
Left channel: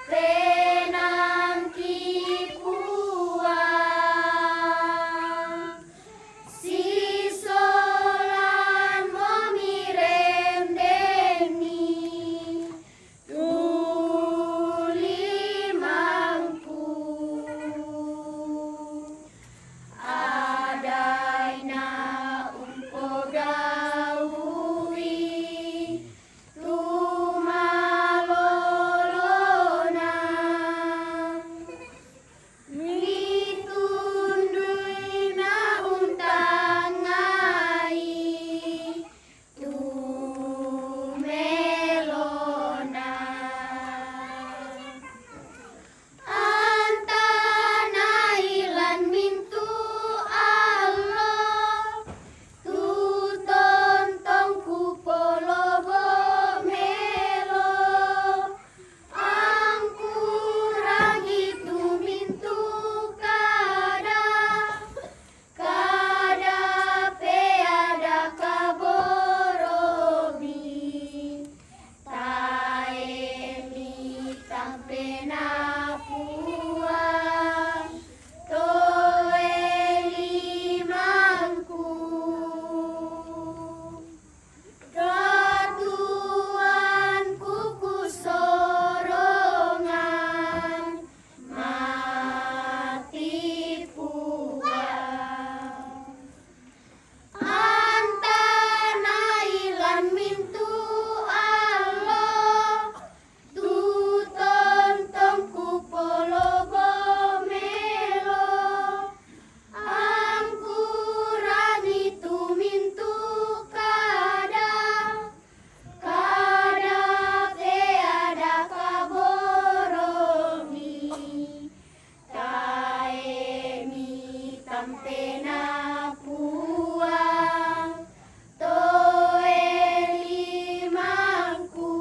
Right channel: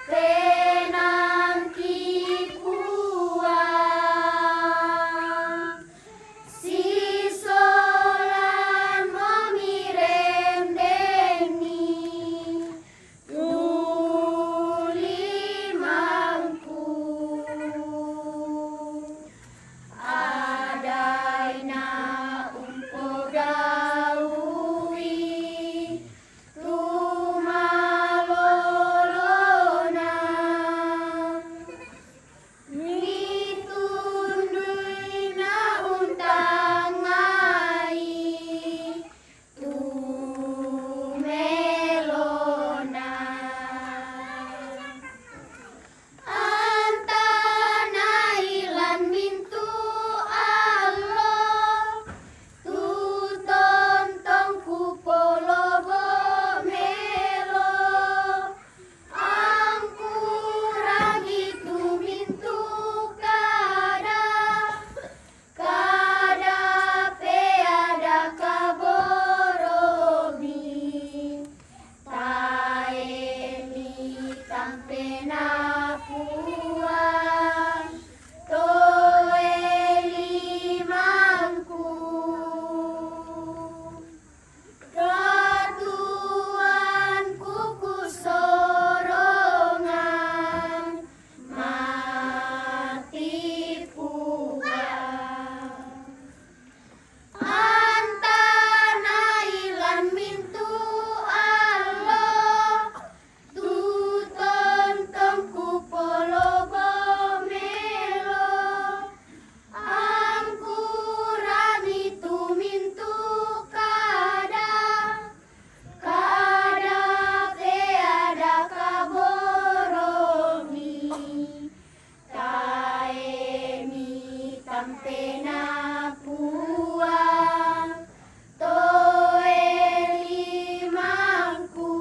tenang kipuan si solan memirem deni tuli mangku adaina umpo gaui tumalolona mitunduina untangai tumelona antanailan mintu Allah tu tontong ku polobo melo angku ragi tu mintu kada pe ada kaborobi taemi tampena puan toeli mangku Ratuan kuku sorongan mati puan antanailan mintu Allah tu tontong ku polobo melo angkurani tu mintu kada pe ada kaboromi taemi tampena puang toeli mangku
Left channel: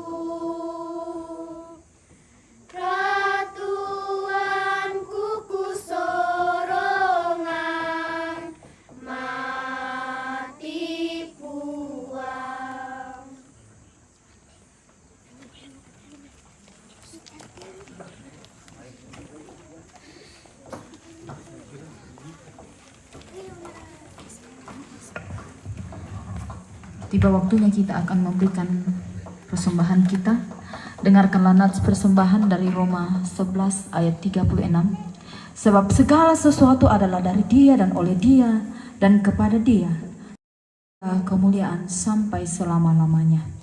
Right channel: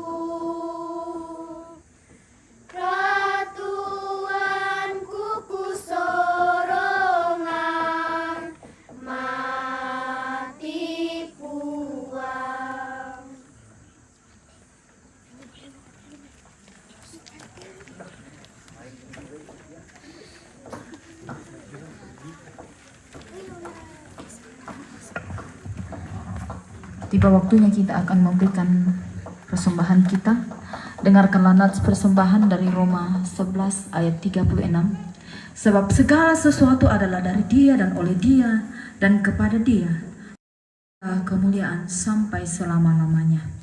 ratuan kuku sorongan mati puang Tiba waktunya kita akan memberikan persembahan kita. Dengarkanlah nats persembahan dari Roma 11 ayat 36. Sebab segala sesuatu adalah dari Dia dan oleh Dia dan kepada Dia kemuliaan sampai selama-lamanya.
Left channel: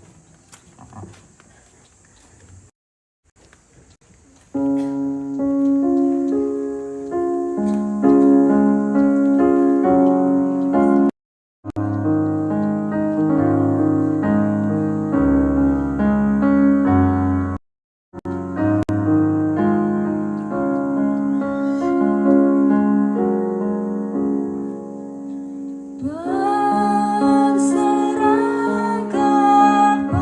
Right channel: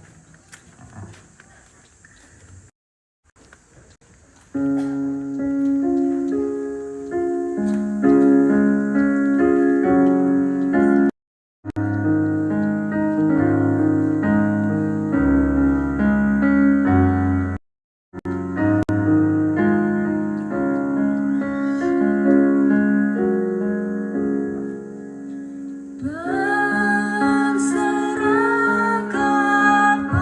Berserah kepada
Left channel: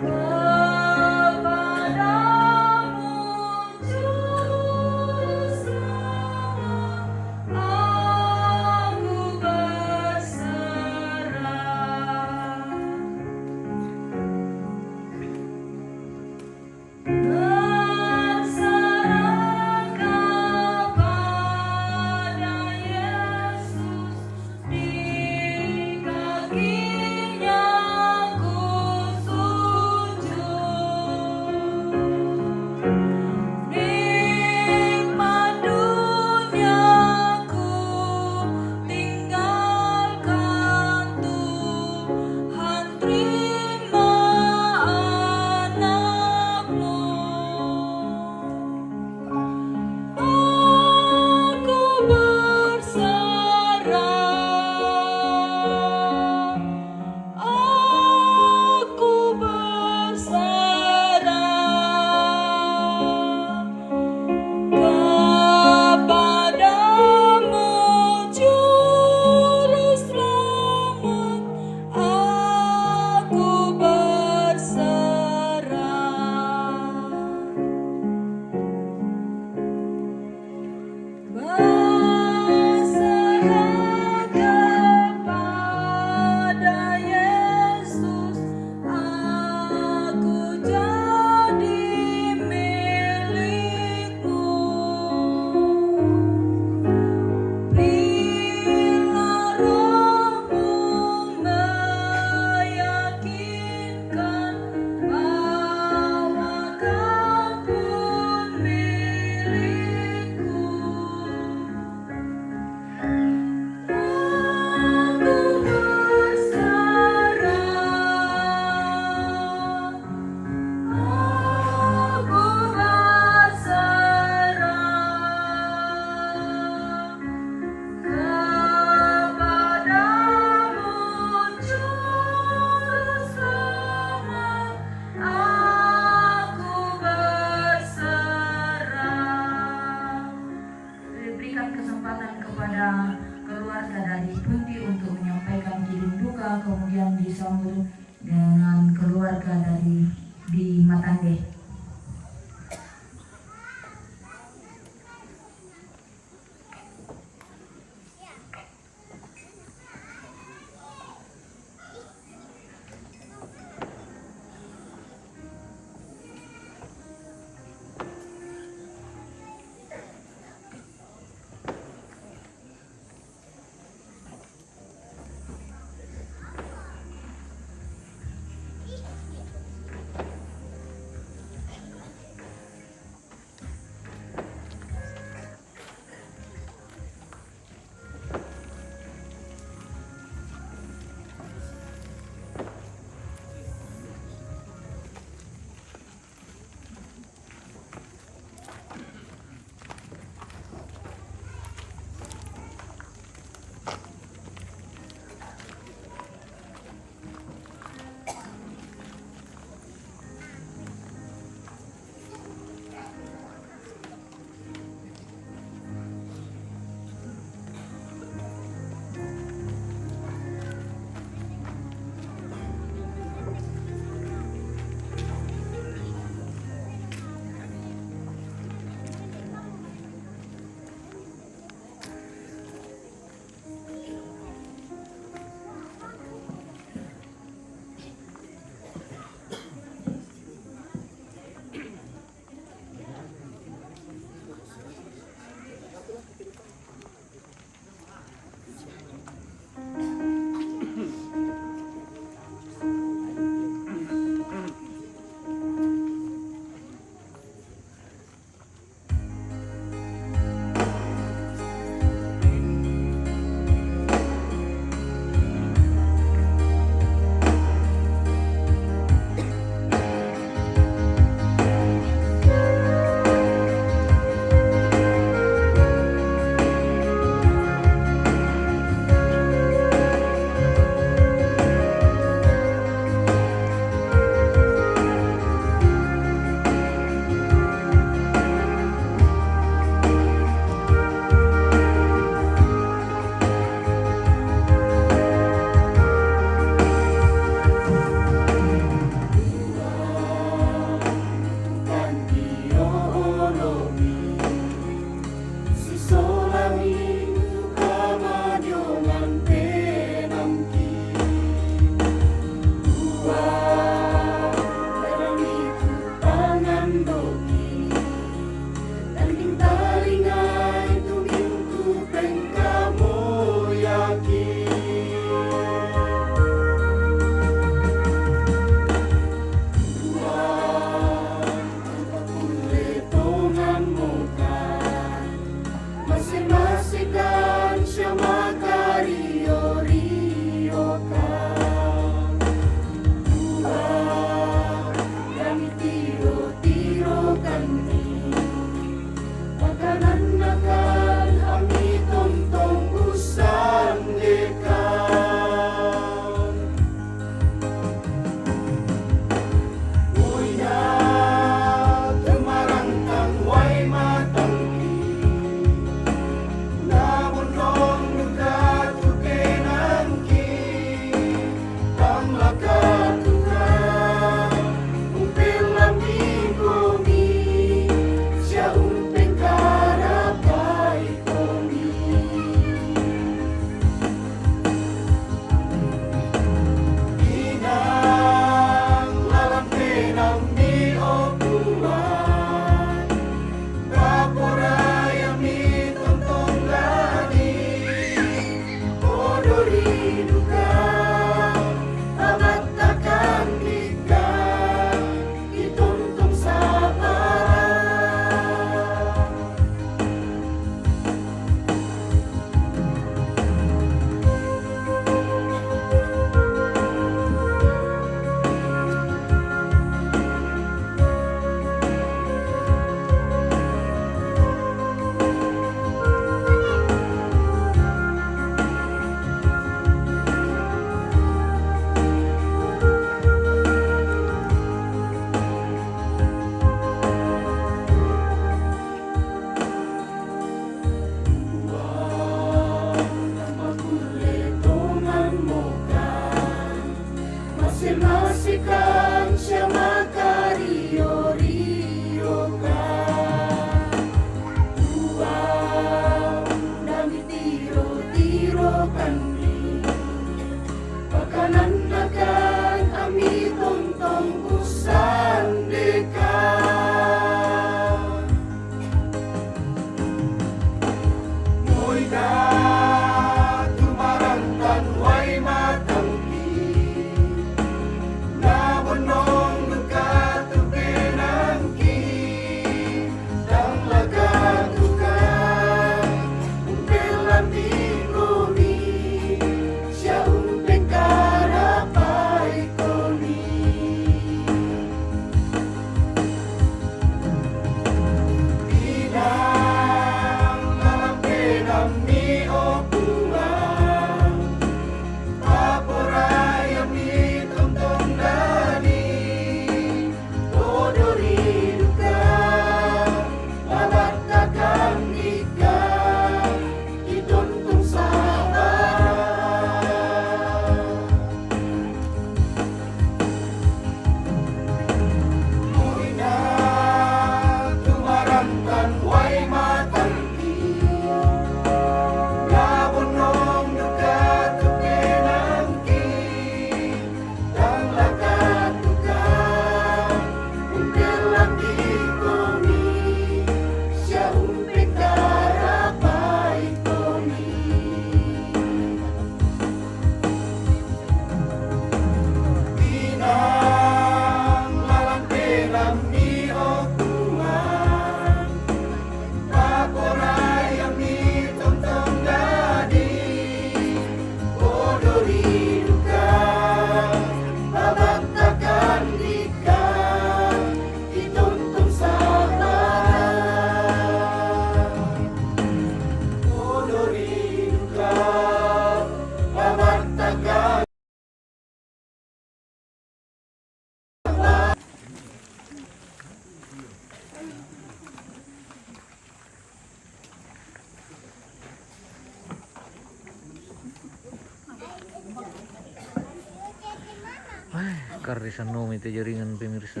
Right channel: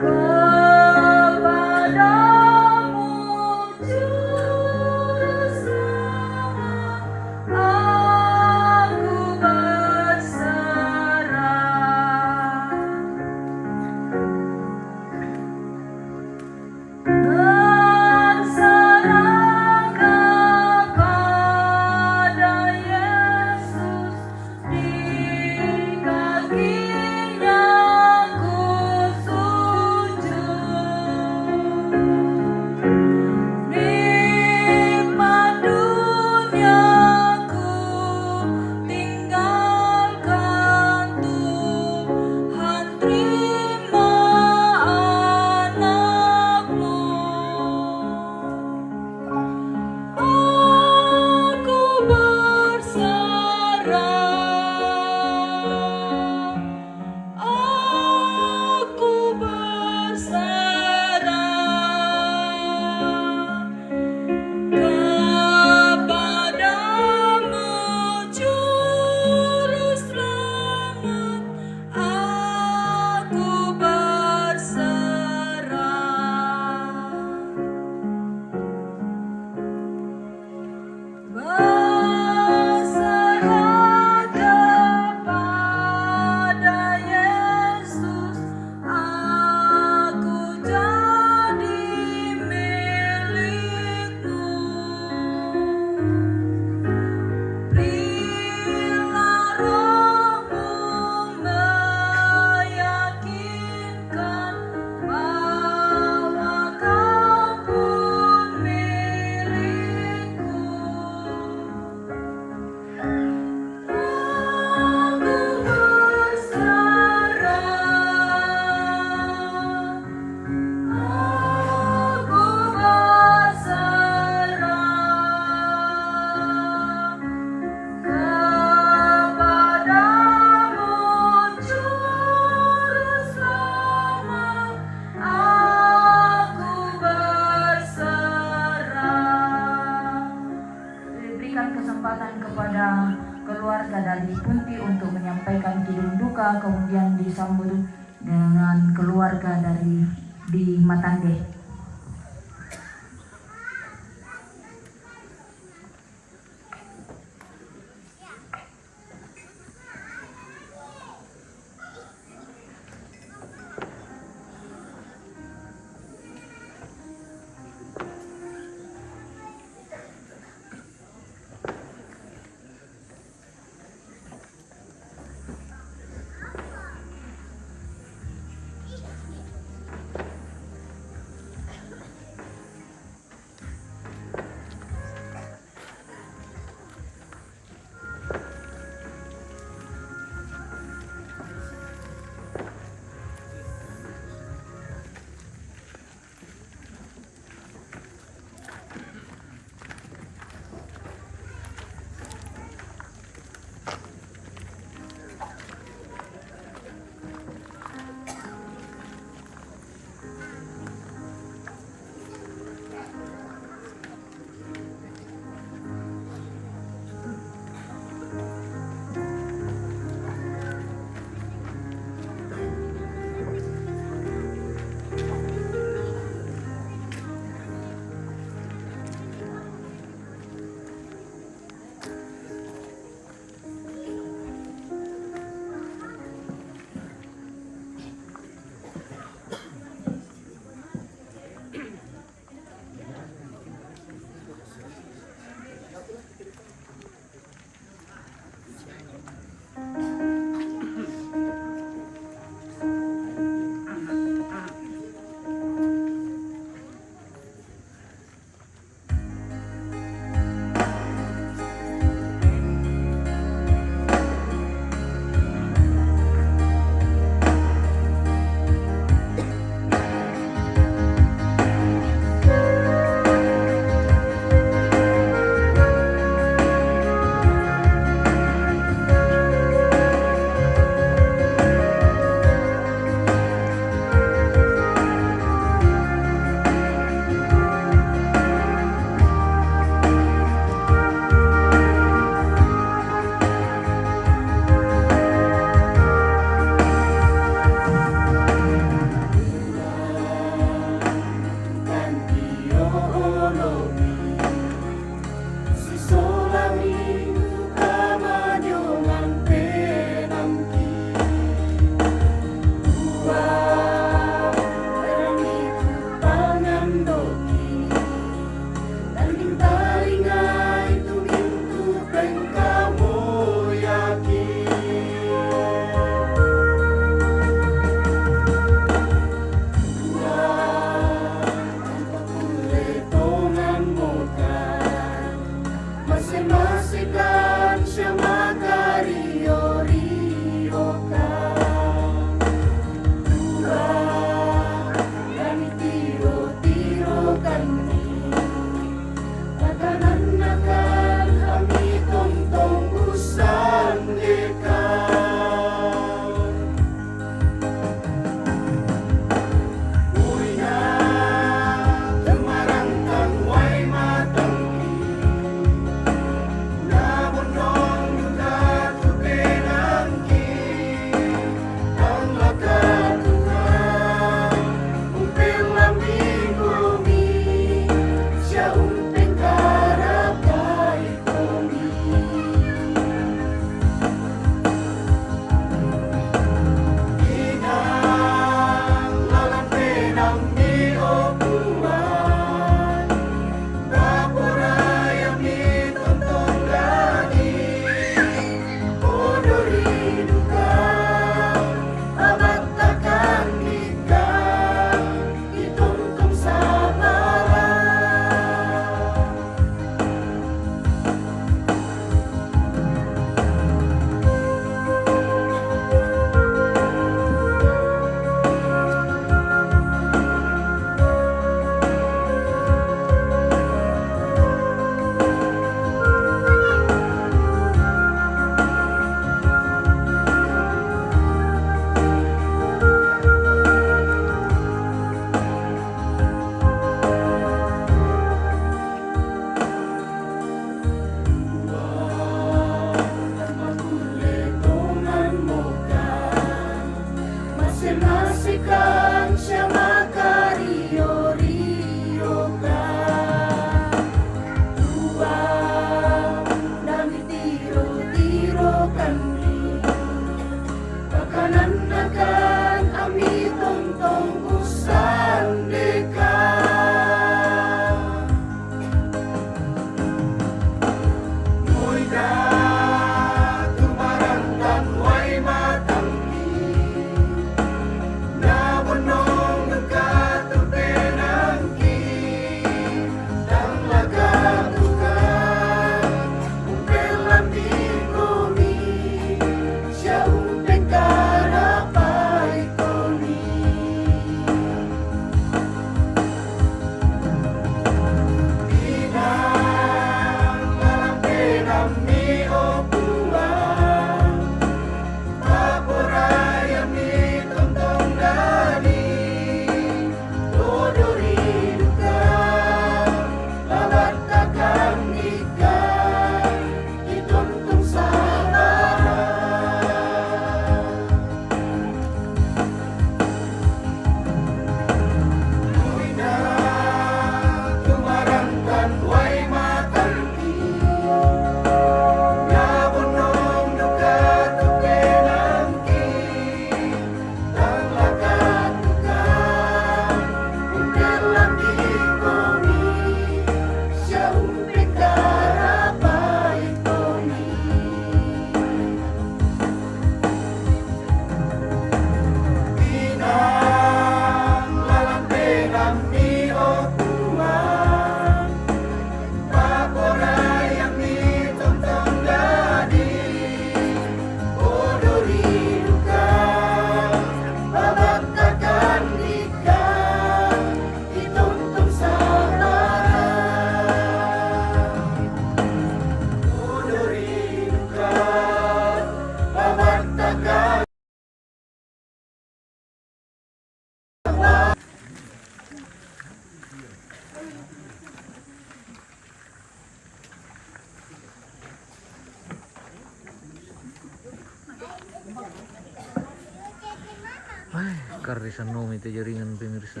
Karisan nomi itu jaringan pemirsa.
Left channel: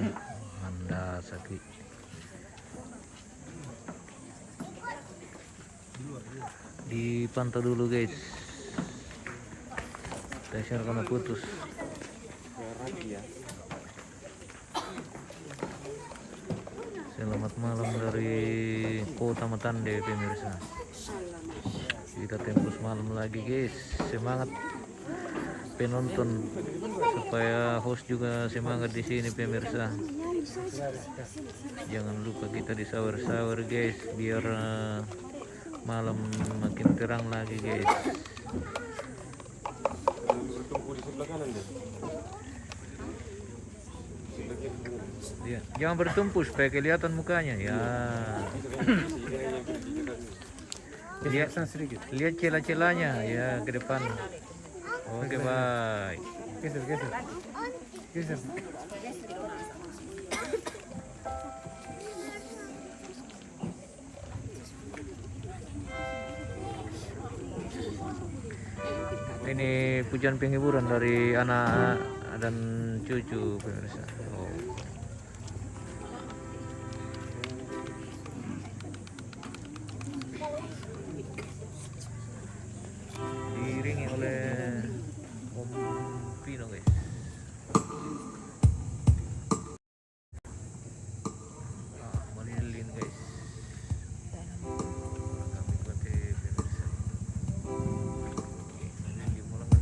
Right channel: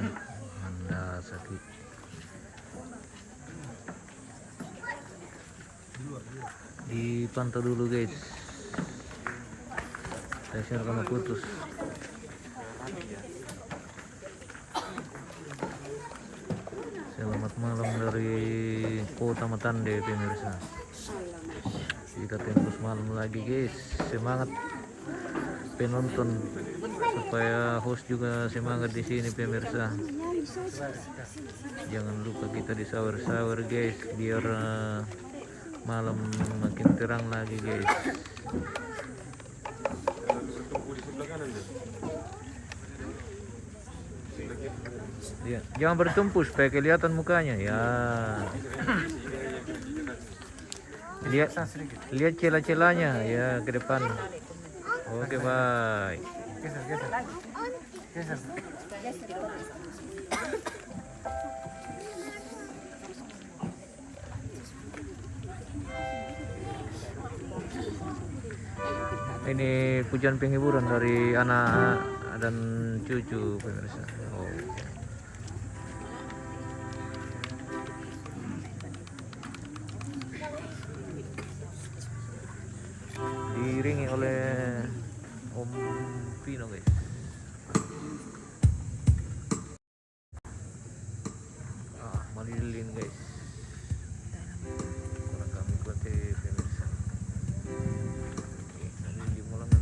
Anda sakit. Dipantau dulu guys. Tension karena putus. Selamat malam dari Kota Matande pemirsa. Kita tembus malam lagi guys. Semangat penonton supaya host juga semangat di sini pemirsa. Jangan lupa kita di sahur-sahur guys biar malam makin terang lagi guys. Ya, jangan bertumpu supaya kelihatan mukanya ya. Lihat celah-celahnya ya ke depan. Oke, bye. Ini pujian penghiburan dari anak dan cucu pemirsa. Oh. Diiringi oleh Om Pino guys. Malilin guys. Orang kami kuat pemirsa. Oke, nanti dimulangan.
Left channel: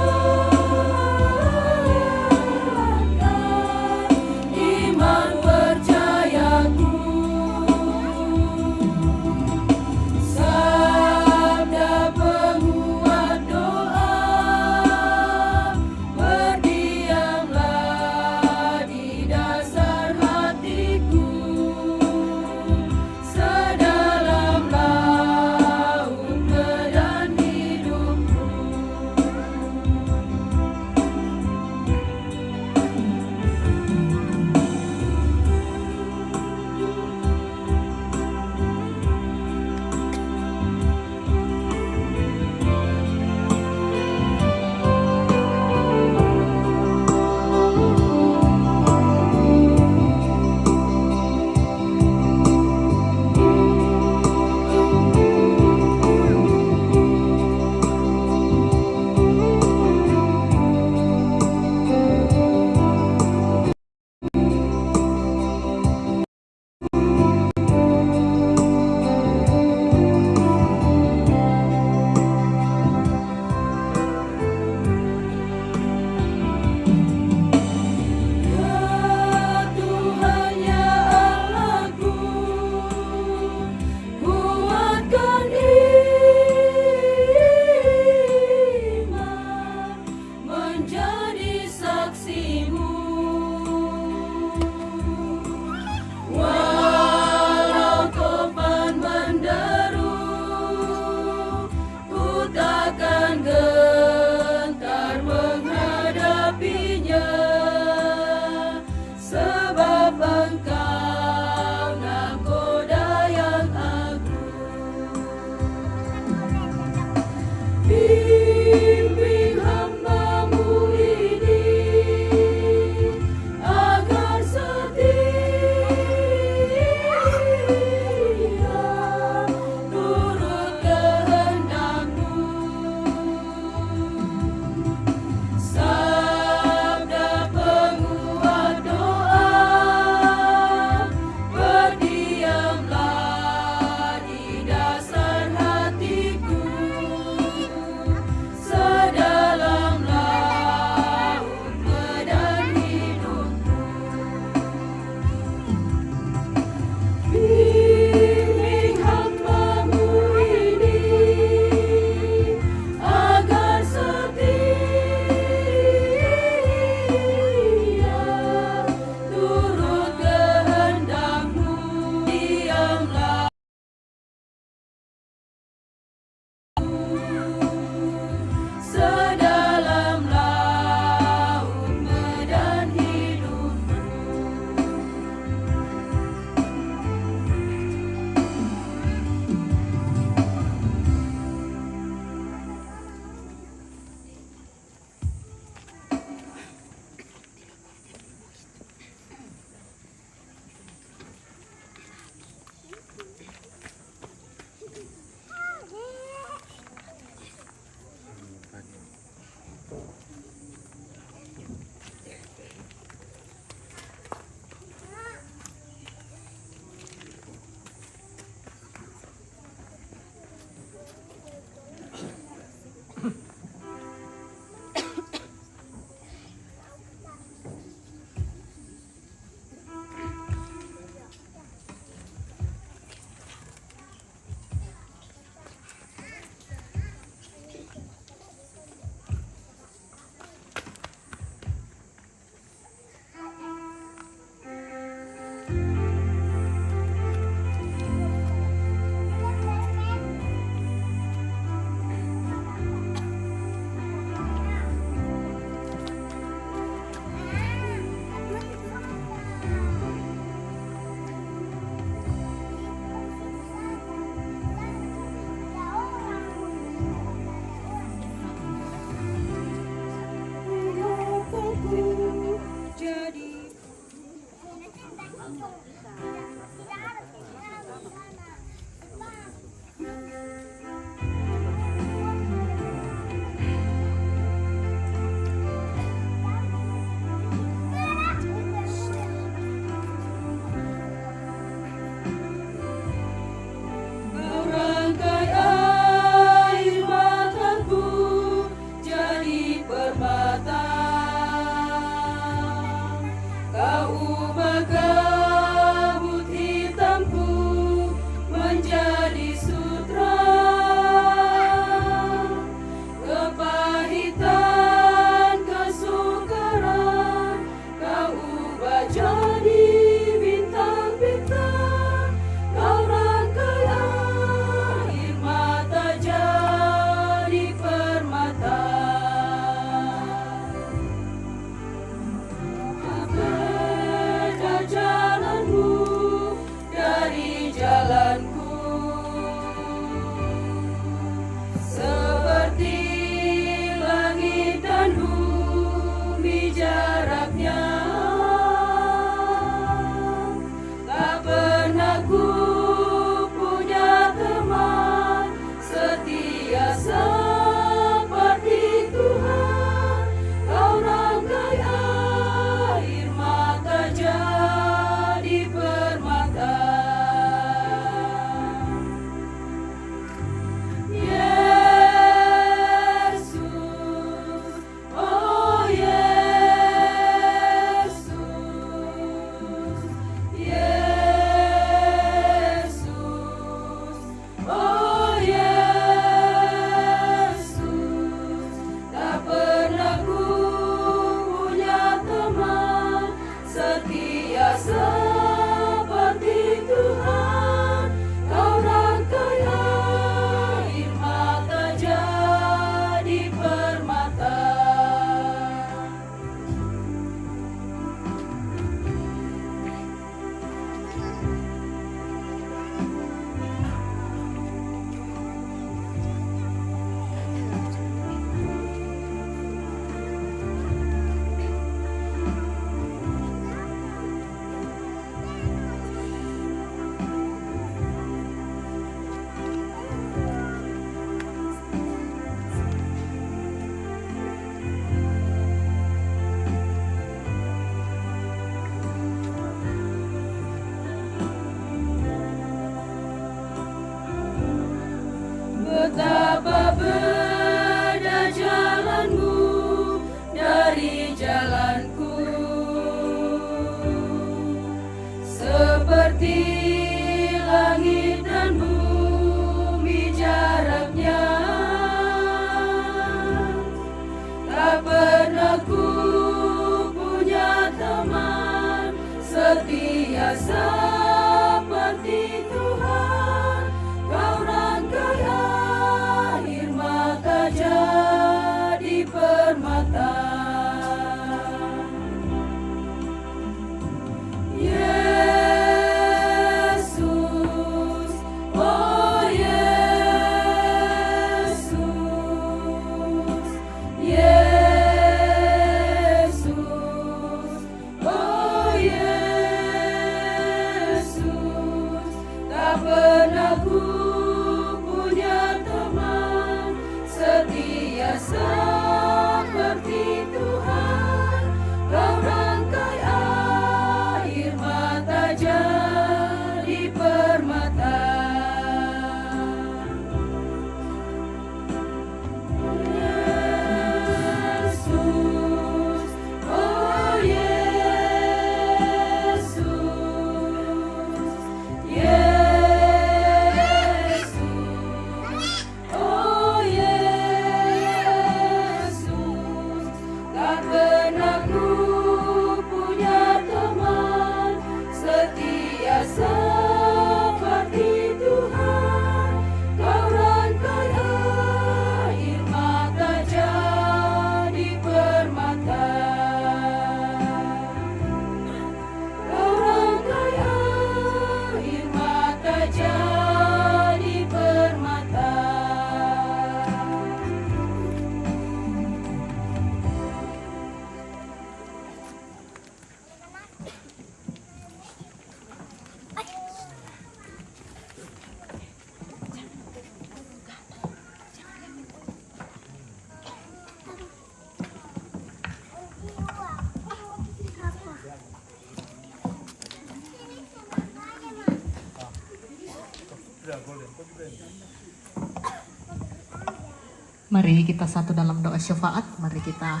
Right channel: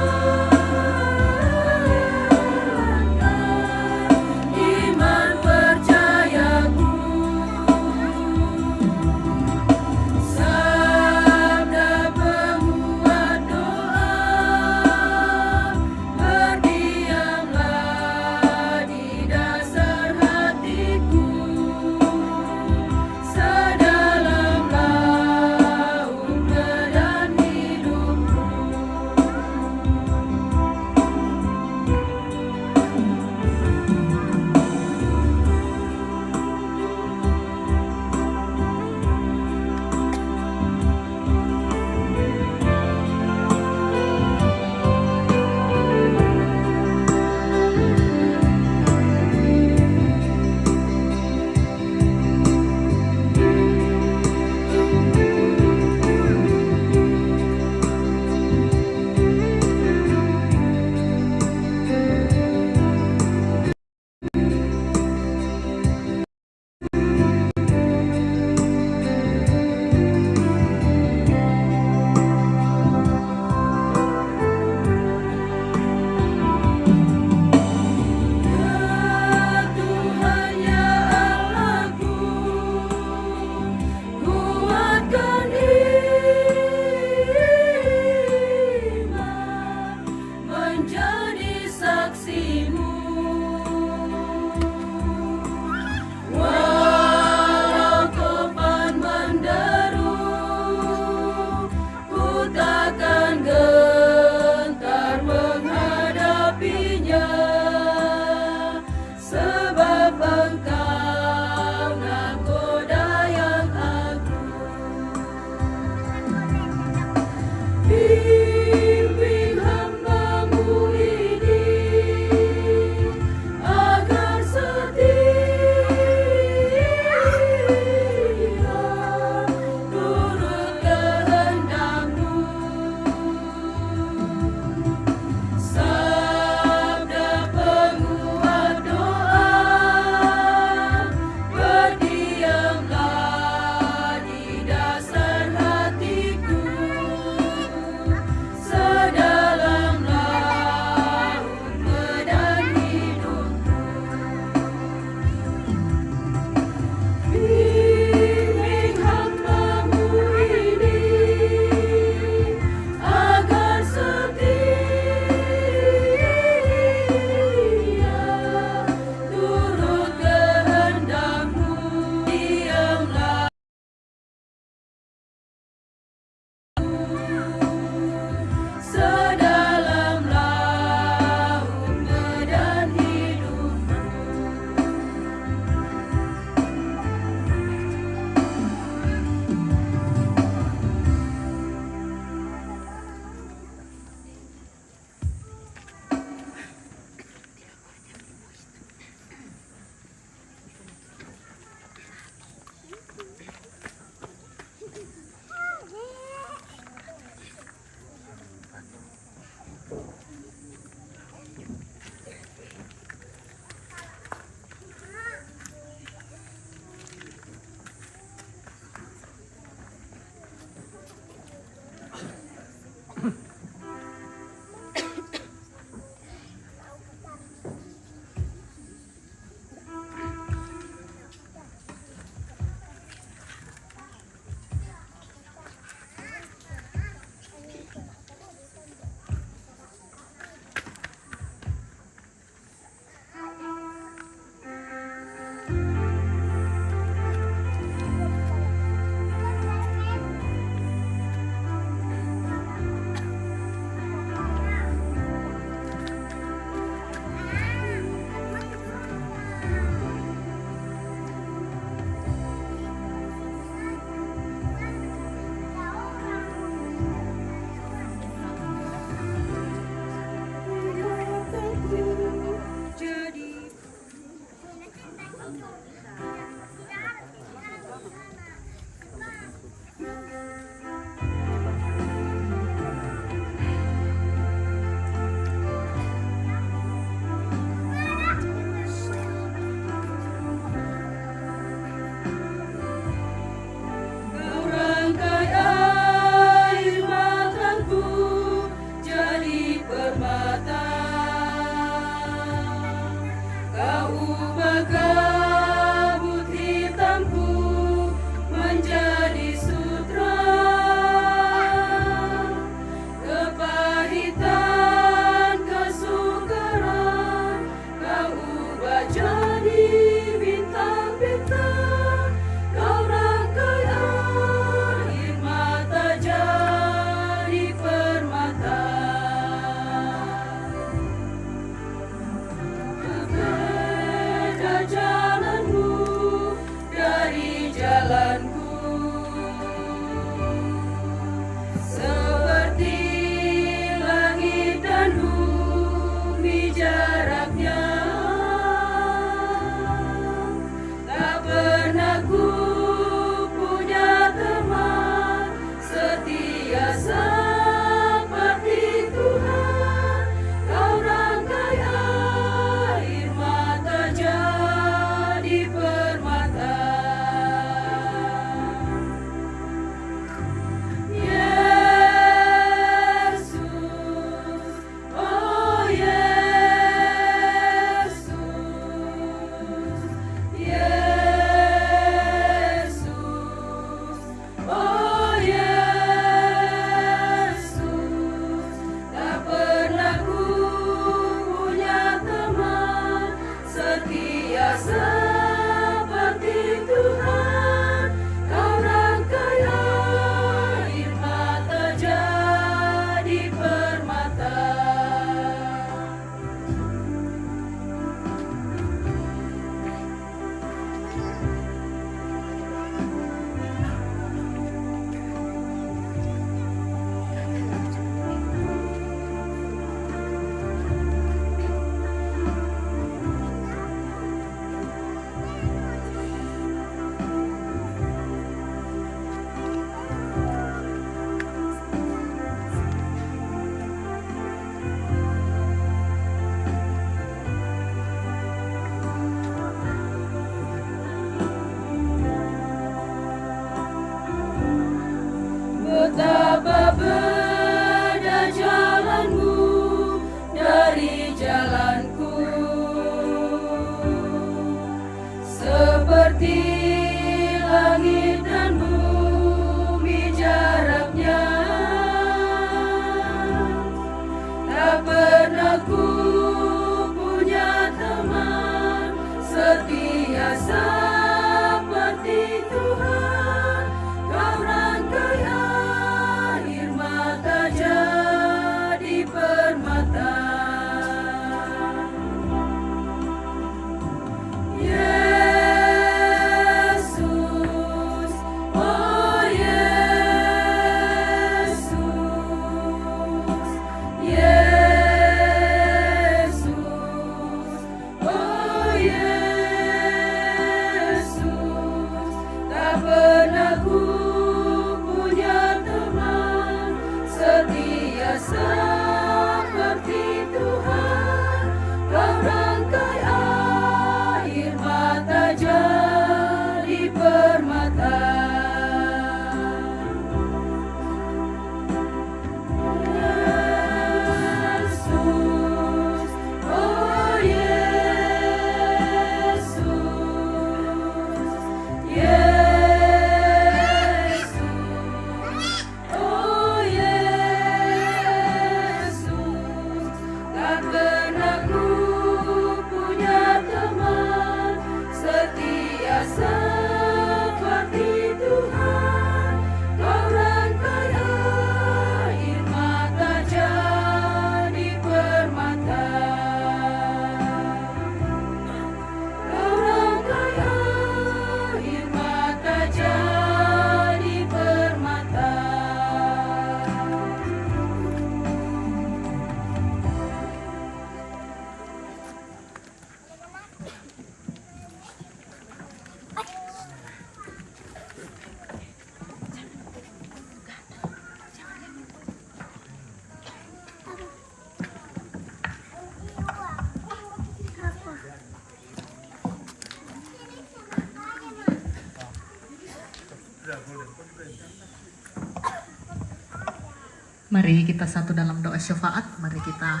Mari kita satu dalam doa syafaat, mari kita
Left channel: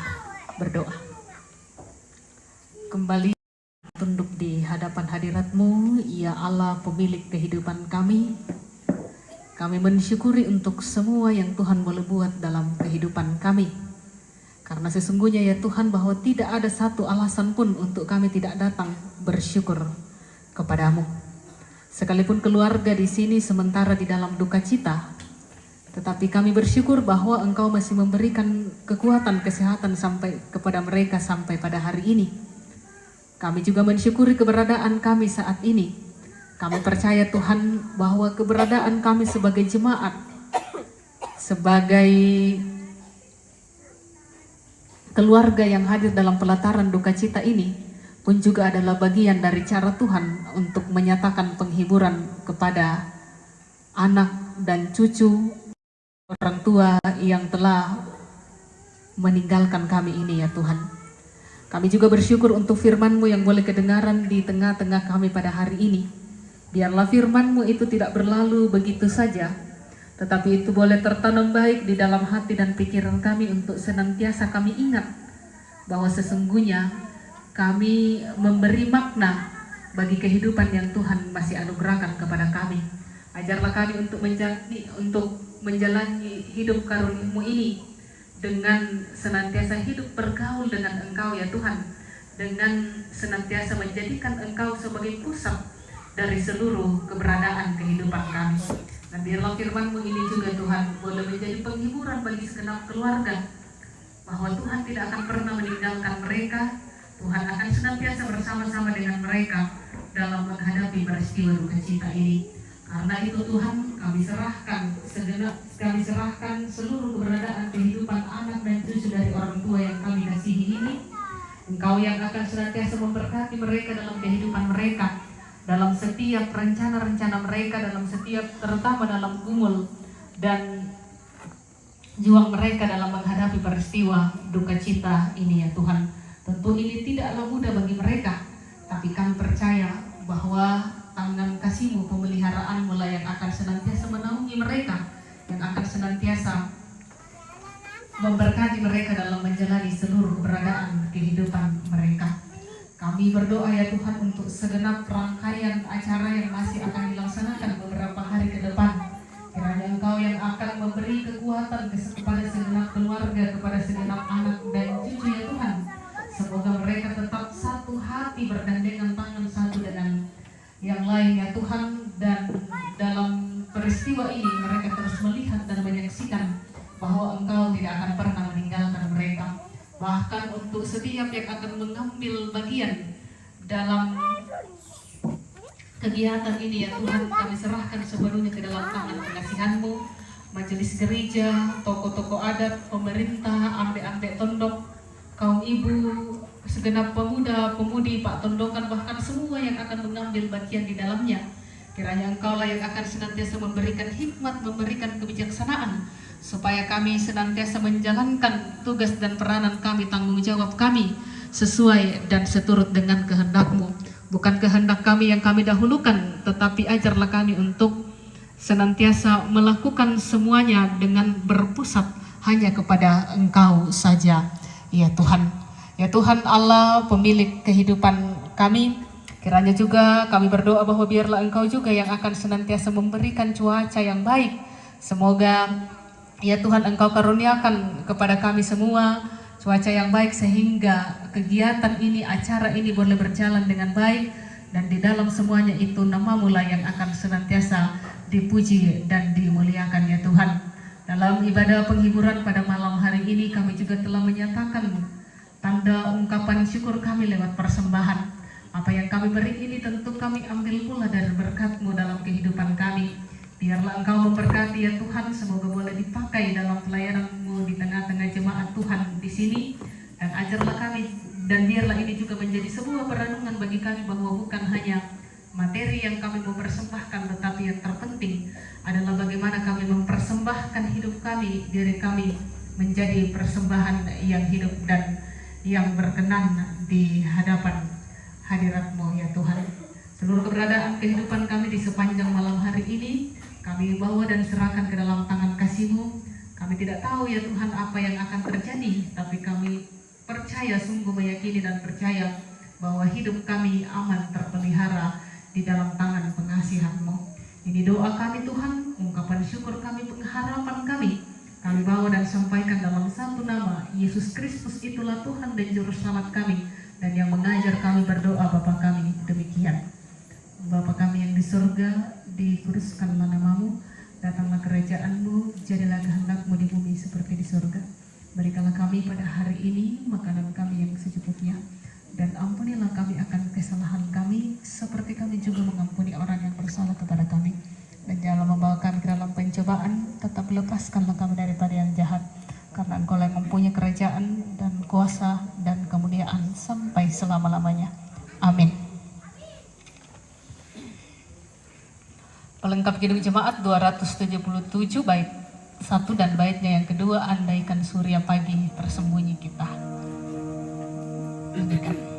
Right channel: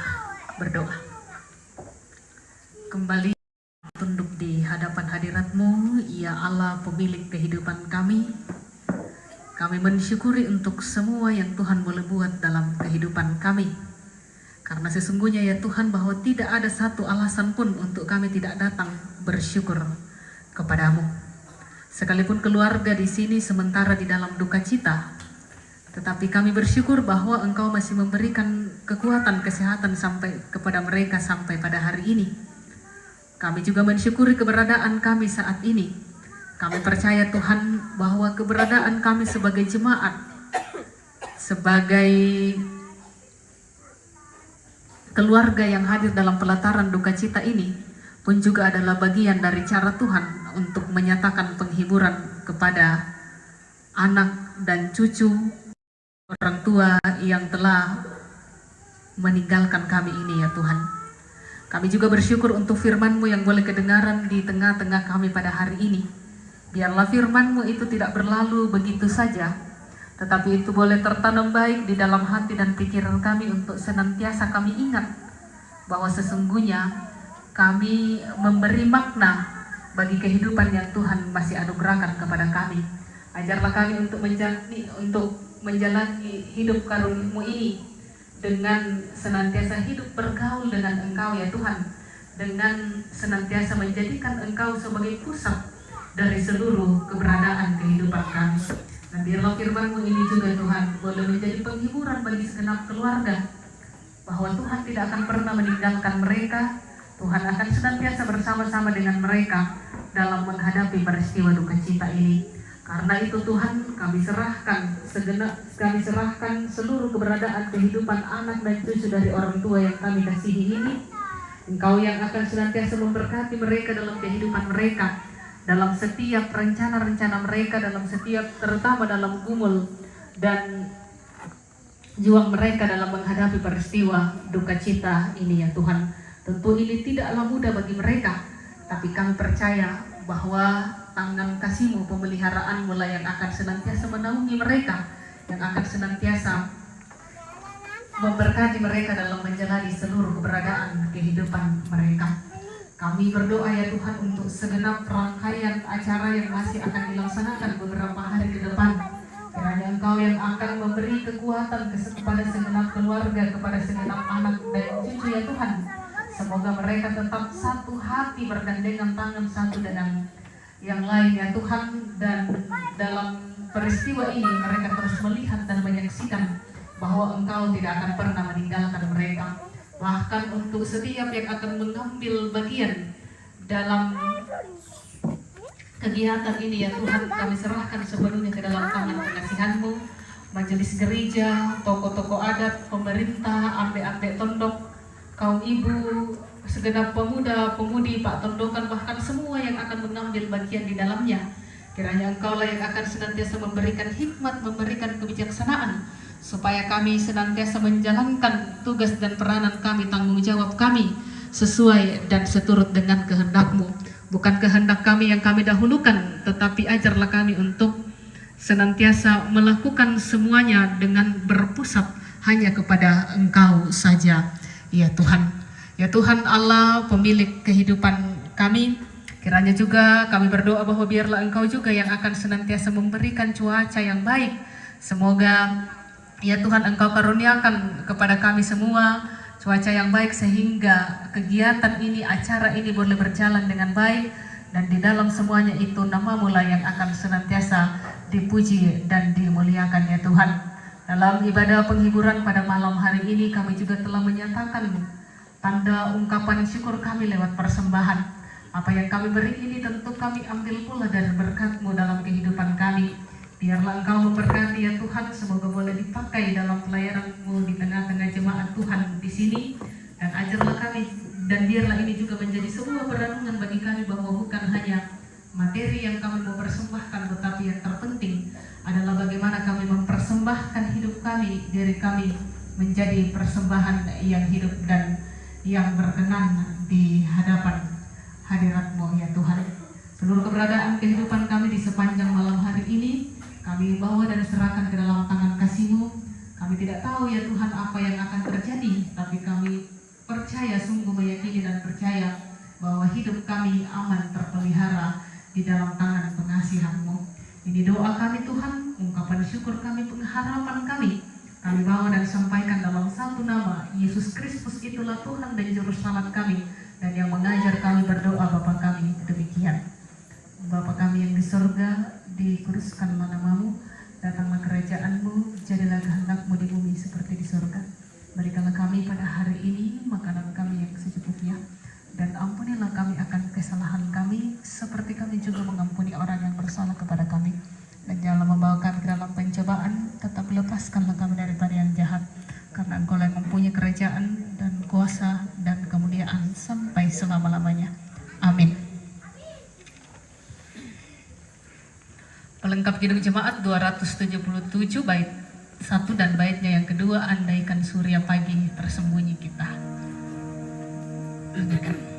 berdoa. Kembali tunduk di hadapan hadirat-Mu, ya Allah pemilik kehidupan kami. Kami mensyukuri untuk semua yang Tuhan boleh buat dalam kehidupan kami. Karena sesungguhnya ya Tuhan bahwa tidak ada satu alasan pun untuk kami tidak datang bersyukur kepadamu. Sekalipun keluarga di sini sementara di dalam duka cita, tetapi kami bersyukur bahwa Engkau masih memberikan kekuatan kesehatan sampai kepada mereka sampai pada hari ini. Kami juga mensyukuri keberadaan kami saat ini. Kami percaya Tuhan bahwa keberadaan kami sebagai jemaat, sebagai keluarga yang hadir dalam pelataran duka cita ini pun juga adalah bagian dari cara Tuhan untuk menyatakan penghiburan kepada anak dan cucu orang tua yang telah meninggalkan kami ini ya Tuhan. Kami juga bersyukur untuk firman-Mu yang boleh kedengaran di tengah-tengah kami pada hari ini. Biarlah firman-Mu itu tidak berlalu begitu saja, tetapi itu boleh tertanam baik di dalam hati dan pikiran kami untuk senantiasa kami ingat bahwa sesungguhnya kami memberi makna bagi kehidupan yang Tuhan masih anugerahkan kepada kami. Ajarlah kami untuk menjalani hidup karunia-Mu ini dengan senantiasa hidup bergaul dengan Engkau ya Tuhan, dengan senantiasa menjadikan Engkau sebagai pusat dari seluruh keberadaan kehidupan kami. Dan biarlah firman-Mu ini juga Tuhan boleh menjadi penghiburan bagi segenap keluarga, bahwa Tuhan tidak akan pernah meninggalkan mereka. Tuhan akan senantiasa bersama-sama dengan mereka dalam menghadapi peristiwa duka cita ini. Karena itu Tuhan kami serahkan seluruh keberadaan kehidupan anak dan cucu dari orang tua yang kami kasihi ini. Engkau yang akan senantiasa memberkati mereka dalam kehidupan mereka, dalam setiap rencana-rencana mereka, dalam setiap terutama dalam gumul dan juang mereka dalam menghadapi peristiwa duka cita ini ya Tuhan. Tentu ini tidaklah mudah bagi mereka, tapi kami percaya bahwa tangan kasih-Mu, pemeliharaan-Mu lah yang akan senantiasa menaungi mereka, yang akan senantiasa memberkati mereka dalam menjalani seluruh keberadaan kehidupan mereka. Kami berdoa ya Tuhan untuk segenap rangkaian acara yang masih akan dilaksanakan beberapa hari ke depan. Kiranya Engkau yang akan memberi kekuatan kepada segenap keluarga, kepada segenap anak dan cucu ya Tuhan. Semoga mereka tetap satu hati bergandengan tangan satu dengan yang lain ya Tuhan, dan dalam peristiwa ini mereka terus melihat dan menyaksikan bahwa Engkau tidak akan pernah meninggalkan mereka. Bahkan untuk setiap yang akan mengambil bagian dalam kegiatan ini ya Tuhan, kami serahkan sepenuhnya ke dalam tangan pengasihan-Mu, majelis gereja, tokoh-tokoh adat, pemerintah, ambe-ambe tondok, kaum ibu, segenap pemuda, pemudi, Pak Tondokan, bahkan semua yang akan mengambil bagian di dalamnya. Kiranya Engkau lah yang akan senantiasa memberikan hikmat, memberikan kebijaksanaan, supaya kami senantiasa menjalankan tugas dan peranan kami, tanggung jawab kami, sesuai dan seturut dengan kehendak-Mu. Bukan kehendak kami yang kami dahulukan, tetapi ajarlah kami untuk senantiasa melakukan semuanya dengan berpusat hanya kepada Engkau saja ya Tuhan. Ya Tuhan Allah pemilik kehidupan kami, kiranya juga kami berdoa bahwa biarlah Engkau juga yang akan senantiasa memberikan cuaca yang baik. Semoga ya Tuhan Engkau karuniakan kepada kami semua cuaca yang baik sehingga kegiatan ini, acara ini boleh berjalan dengan baik, dan di dalam semuanya itu nama-Mu lah yang akan senantiasa dipuji dan dimuliakan ya Tuhan. Dalam ibadah penghiburan pada malam hari ini kami juga telah menyatakan tanda ungkapan syukur kami lewat persembahan. Apa yang kami beri ini tentu kami ambil pula dari berkat-Mu dalam kehidupan kami. Biarlah Engkau memberkati ya Tuhan, semoga boleh dipakai dalam pelayanan-Mu di tengah-tengah jemaat Tuhan di sini, dan ajarlah kami, dan biarlah ini juga menjadi sebuah perenungan bagi kami bahwa bukan hanya materi yang kami mau persembahkan, tetapi yang terpenting adalah bagaimana kami mempersembahkan hidup kami, diri kami menjadi persembahan yang hidup dan yang berkenan di hadapan hadirat-Mu ya Tuhan. Seluruh keberadaan kehidupan kami di sepanjang malam hari ini Kami bawa dan serahkan ke dalam tangan kasih-Mu. Kami tidak tahu ya Tuhan apa yang akan terjadi, tapi kami percaya, sungguh meyakini dan percaya bahwa hidup kami aman terpelihara di dalam tangan pengasihan-Mu. Ini doa kami Tuhan, ungkapan syukur kami, pengharapan kami. Kami bawa dan sampaikan dalam satu nama, Yesus Kristus itulah Tuhan dan Juru Selamat kami, dan yang mengajar kami berdoa Bapa kami demikian. Bapa kami yang di surga, dikuduskanlah nama-Mu, datanglah kerajaan-Mu, jadilah kehendak-Mu di bumi seperti di surga. Berikanlah kami pada hari ini makanan kami yang secukupnya, dan ampunilah kami akan kesalahan kami, seperti kami juga mengampuni orang yang bersalah kepada kami. Dan janganlah membawa kami ke dalam pencobaan, tetap lepaskanlah kami daripada yang jahat, karena Engkau yang mempunyai kerajaan dan kuasa dan kemuliaan sampai selama-lamanya. Amin. Pelengkap Kidung Jemaat 277 bait 1 dan baitnya yang kedua, andaikan surya pagi tersembunyi kita. Andaikan.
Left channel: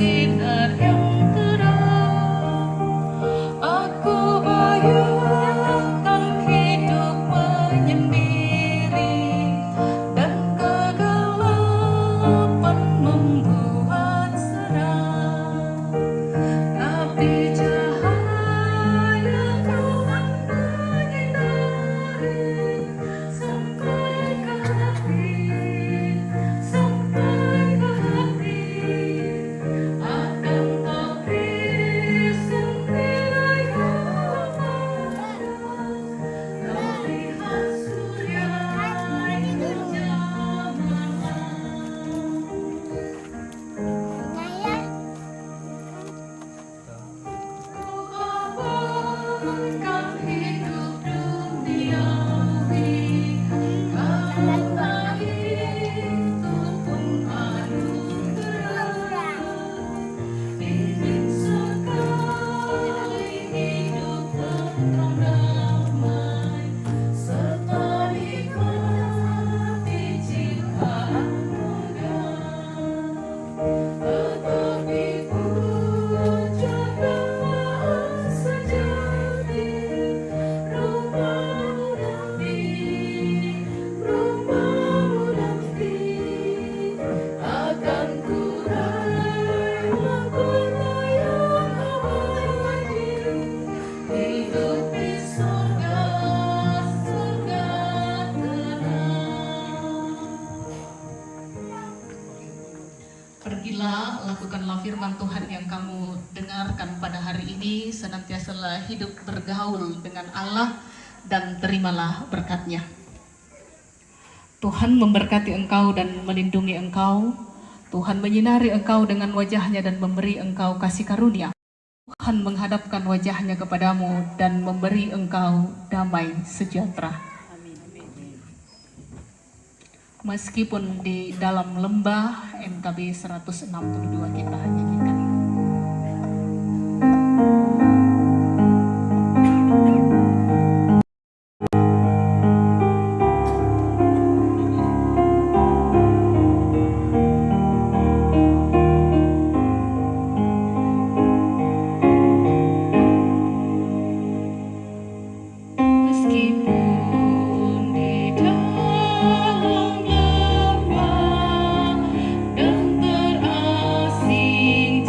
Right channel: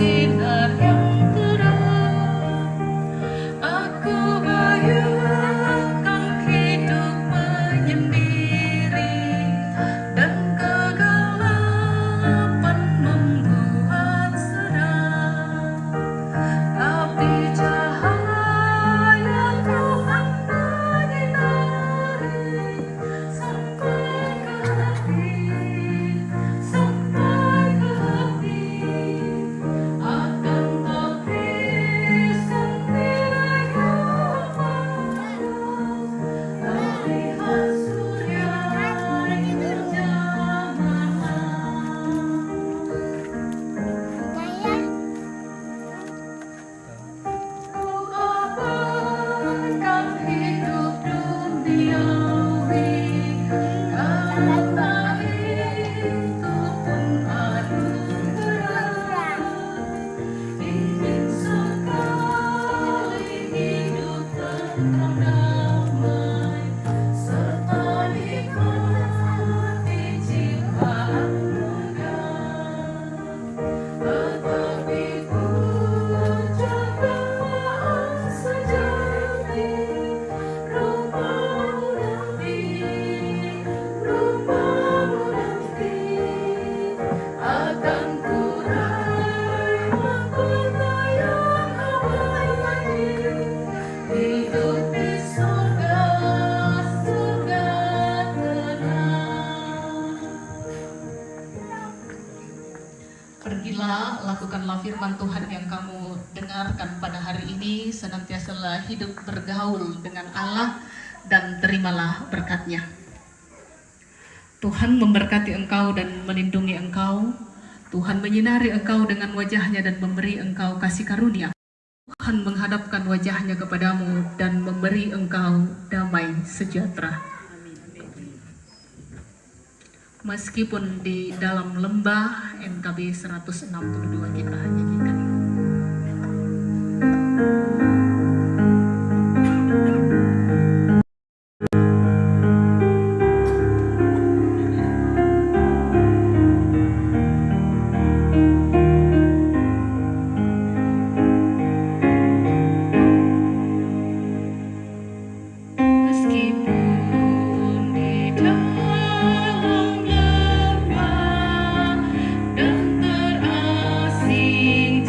Sinar yang terang, aku bayangkan hidup menyendiri, dan kegelapan membuat seram. Tapi cahaya Tuhan menyinari sampai ke hati, sampai ke hati. Akan tapi sendiri terlihat surya ku abaikan hidup duniawi, karena itu pun anugerah. Ingin sekali hidup tenang damai, serta nikmati ciptaan muda. Tetapi ku jagalah sejati rupa-mu nanti, rupa-mu nanti. Akan ku raih mahkota yang abadi, hidup di surga, surga tenang. Pergilah, lakukanlah firman Tuhan yang kamu dengarkan pada hari ini, senantiasalah hidup bergaul dengan Allah dan terimalah berkat-Nya. Tuhan memberkati engkau dan melindungi engkau. Tuhan menyinari engkau dengan wajah-Nya dan memberi engkau kasih karunia. Tuhan menghadapkan wajah-Nya kepadamu dan memberi engkau damai sejahtera. Meskipun di dalam lembah, MKB 162 kita nyanyikan. Meskipun di dalam lembah dan terasing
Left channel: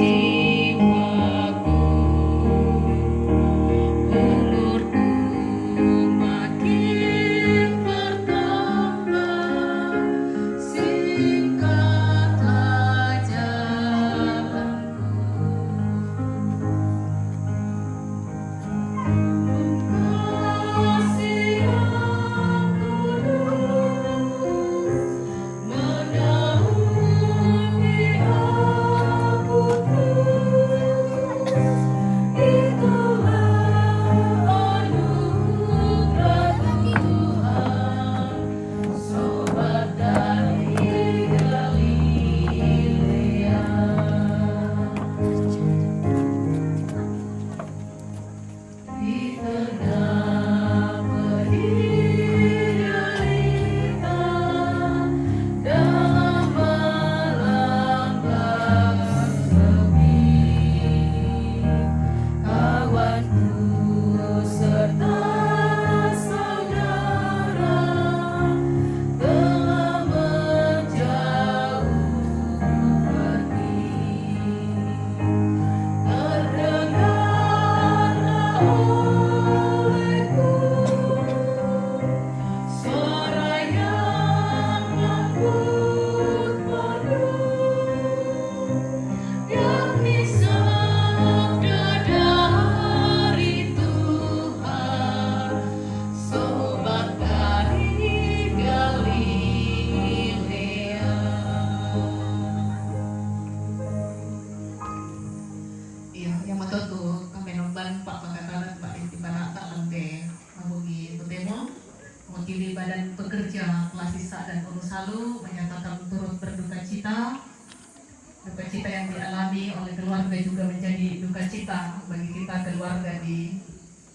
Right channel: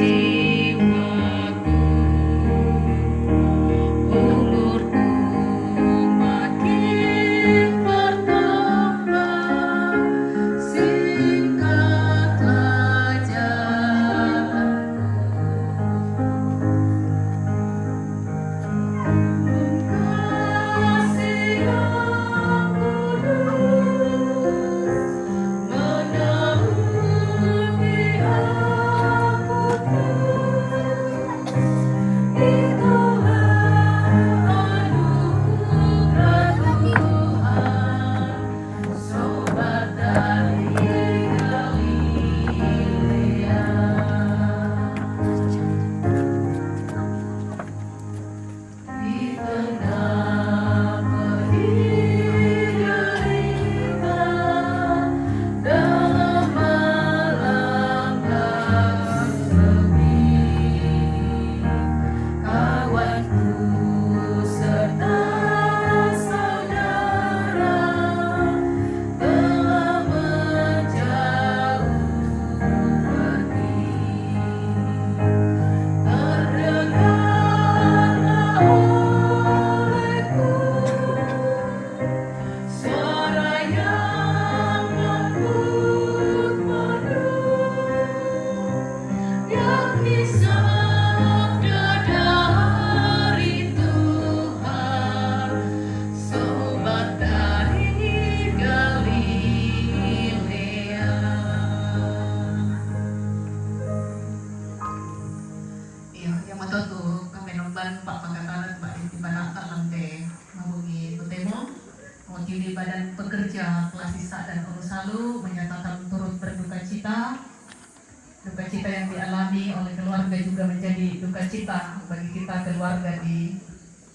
cita bagi kita keluarga di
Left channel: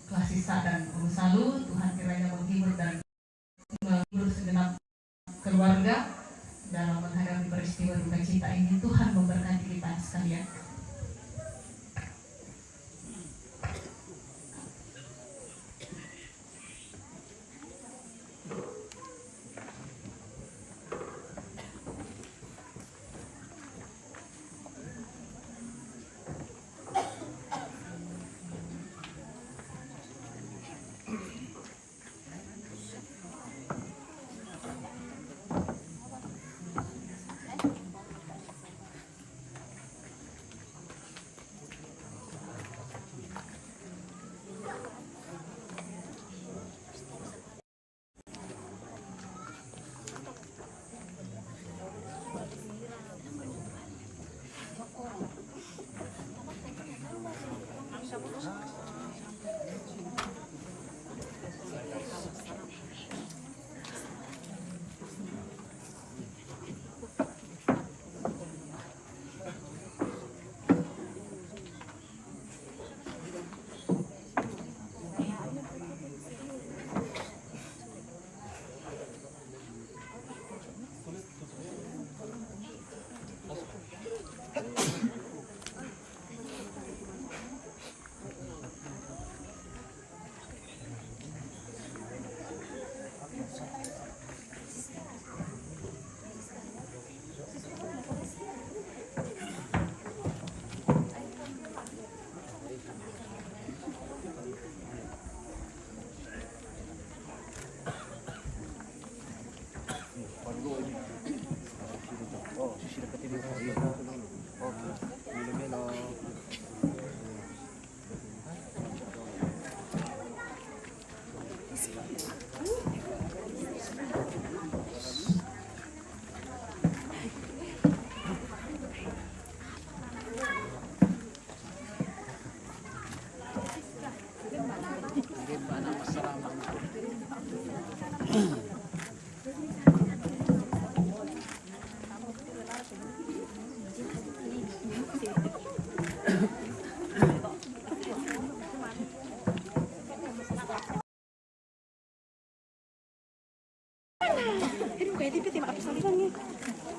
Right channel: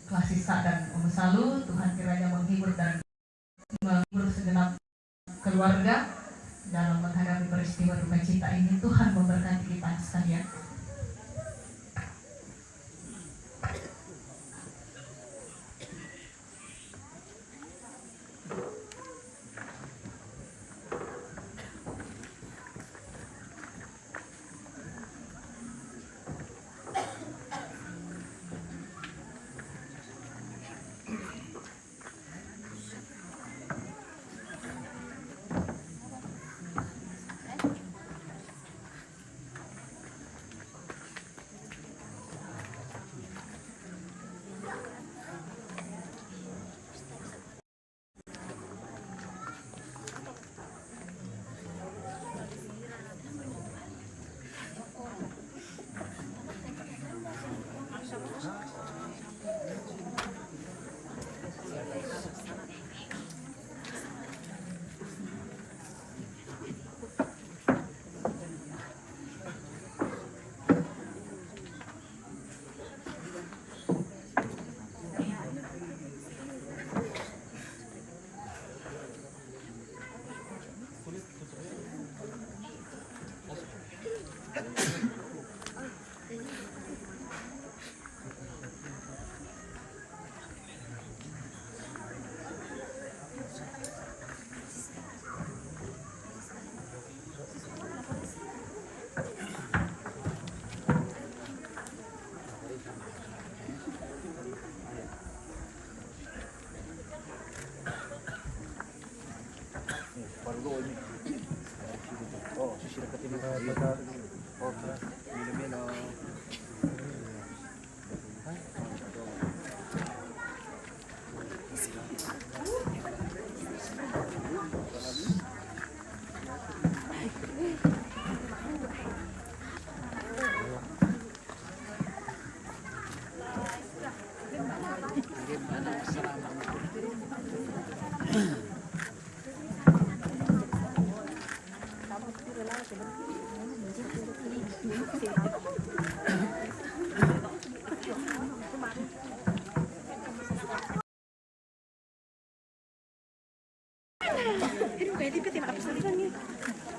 kelas Sisa dan Salu. Tuhan kiranya menghibur dan menghibur segenap keluarga dalam menghadapi peristiwa duka cita ini. Tuhan memberkati kita sekalian. Ini kayak tipis ya, maaf,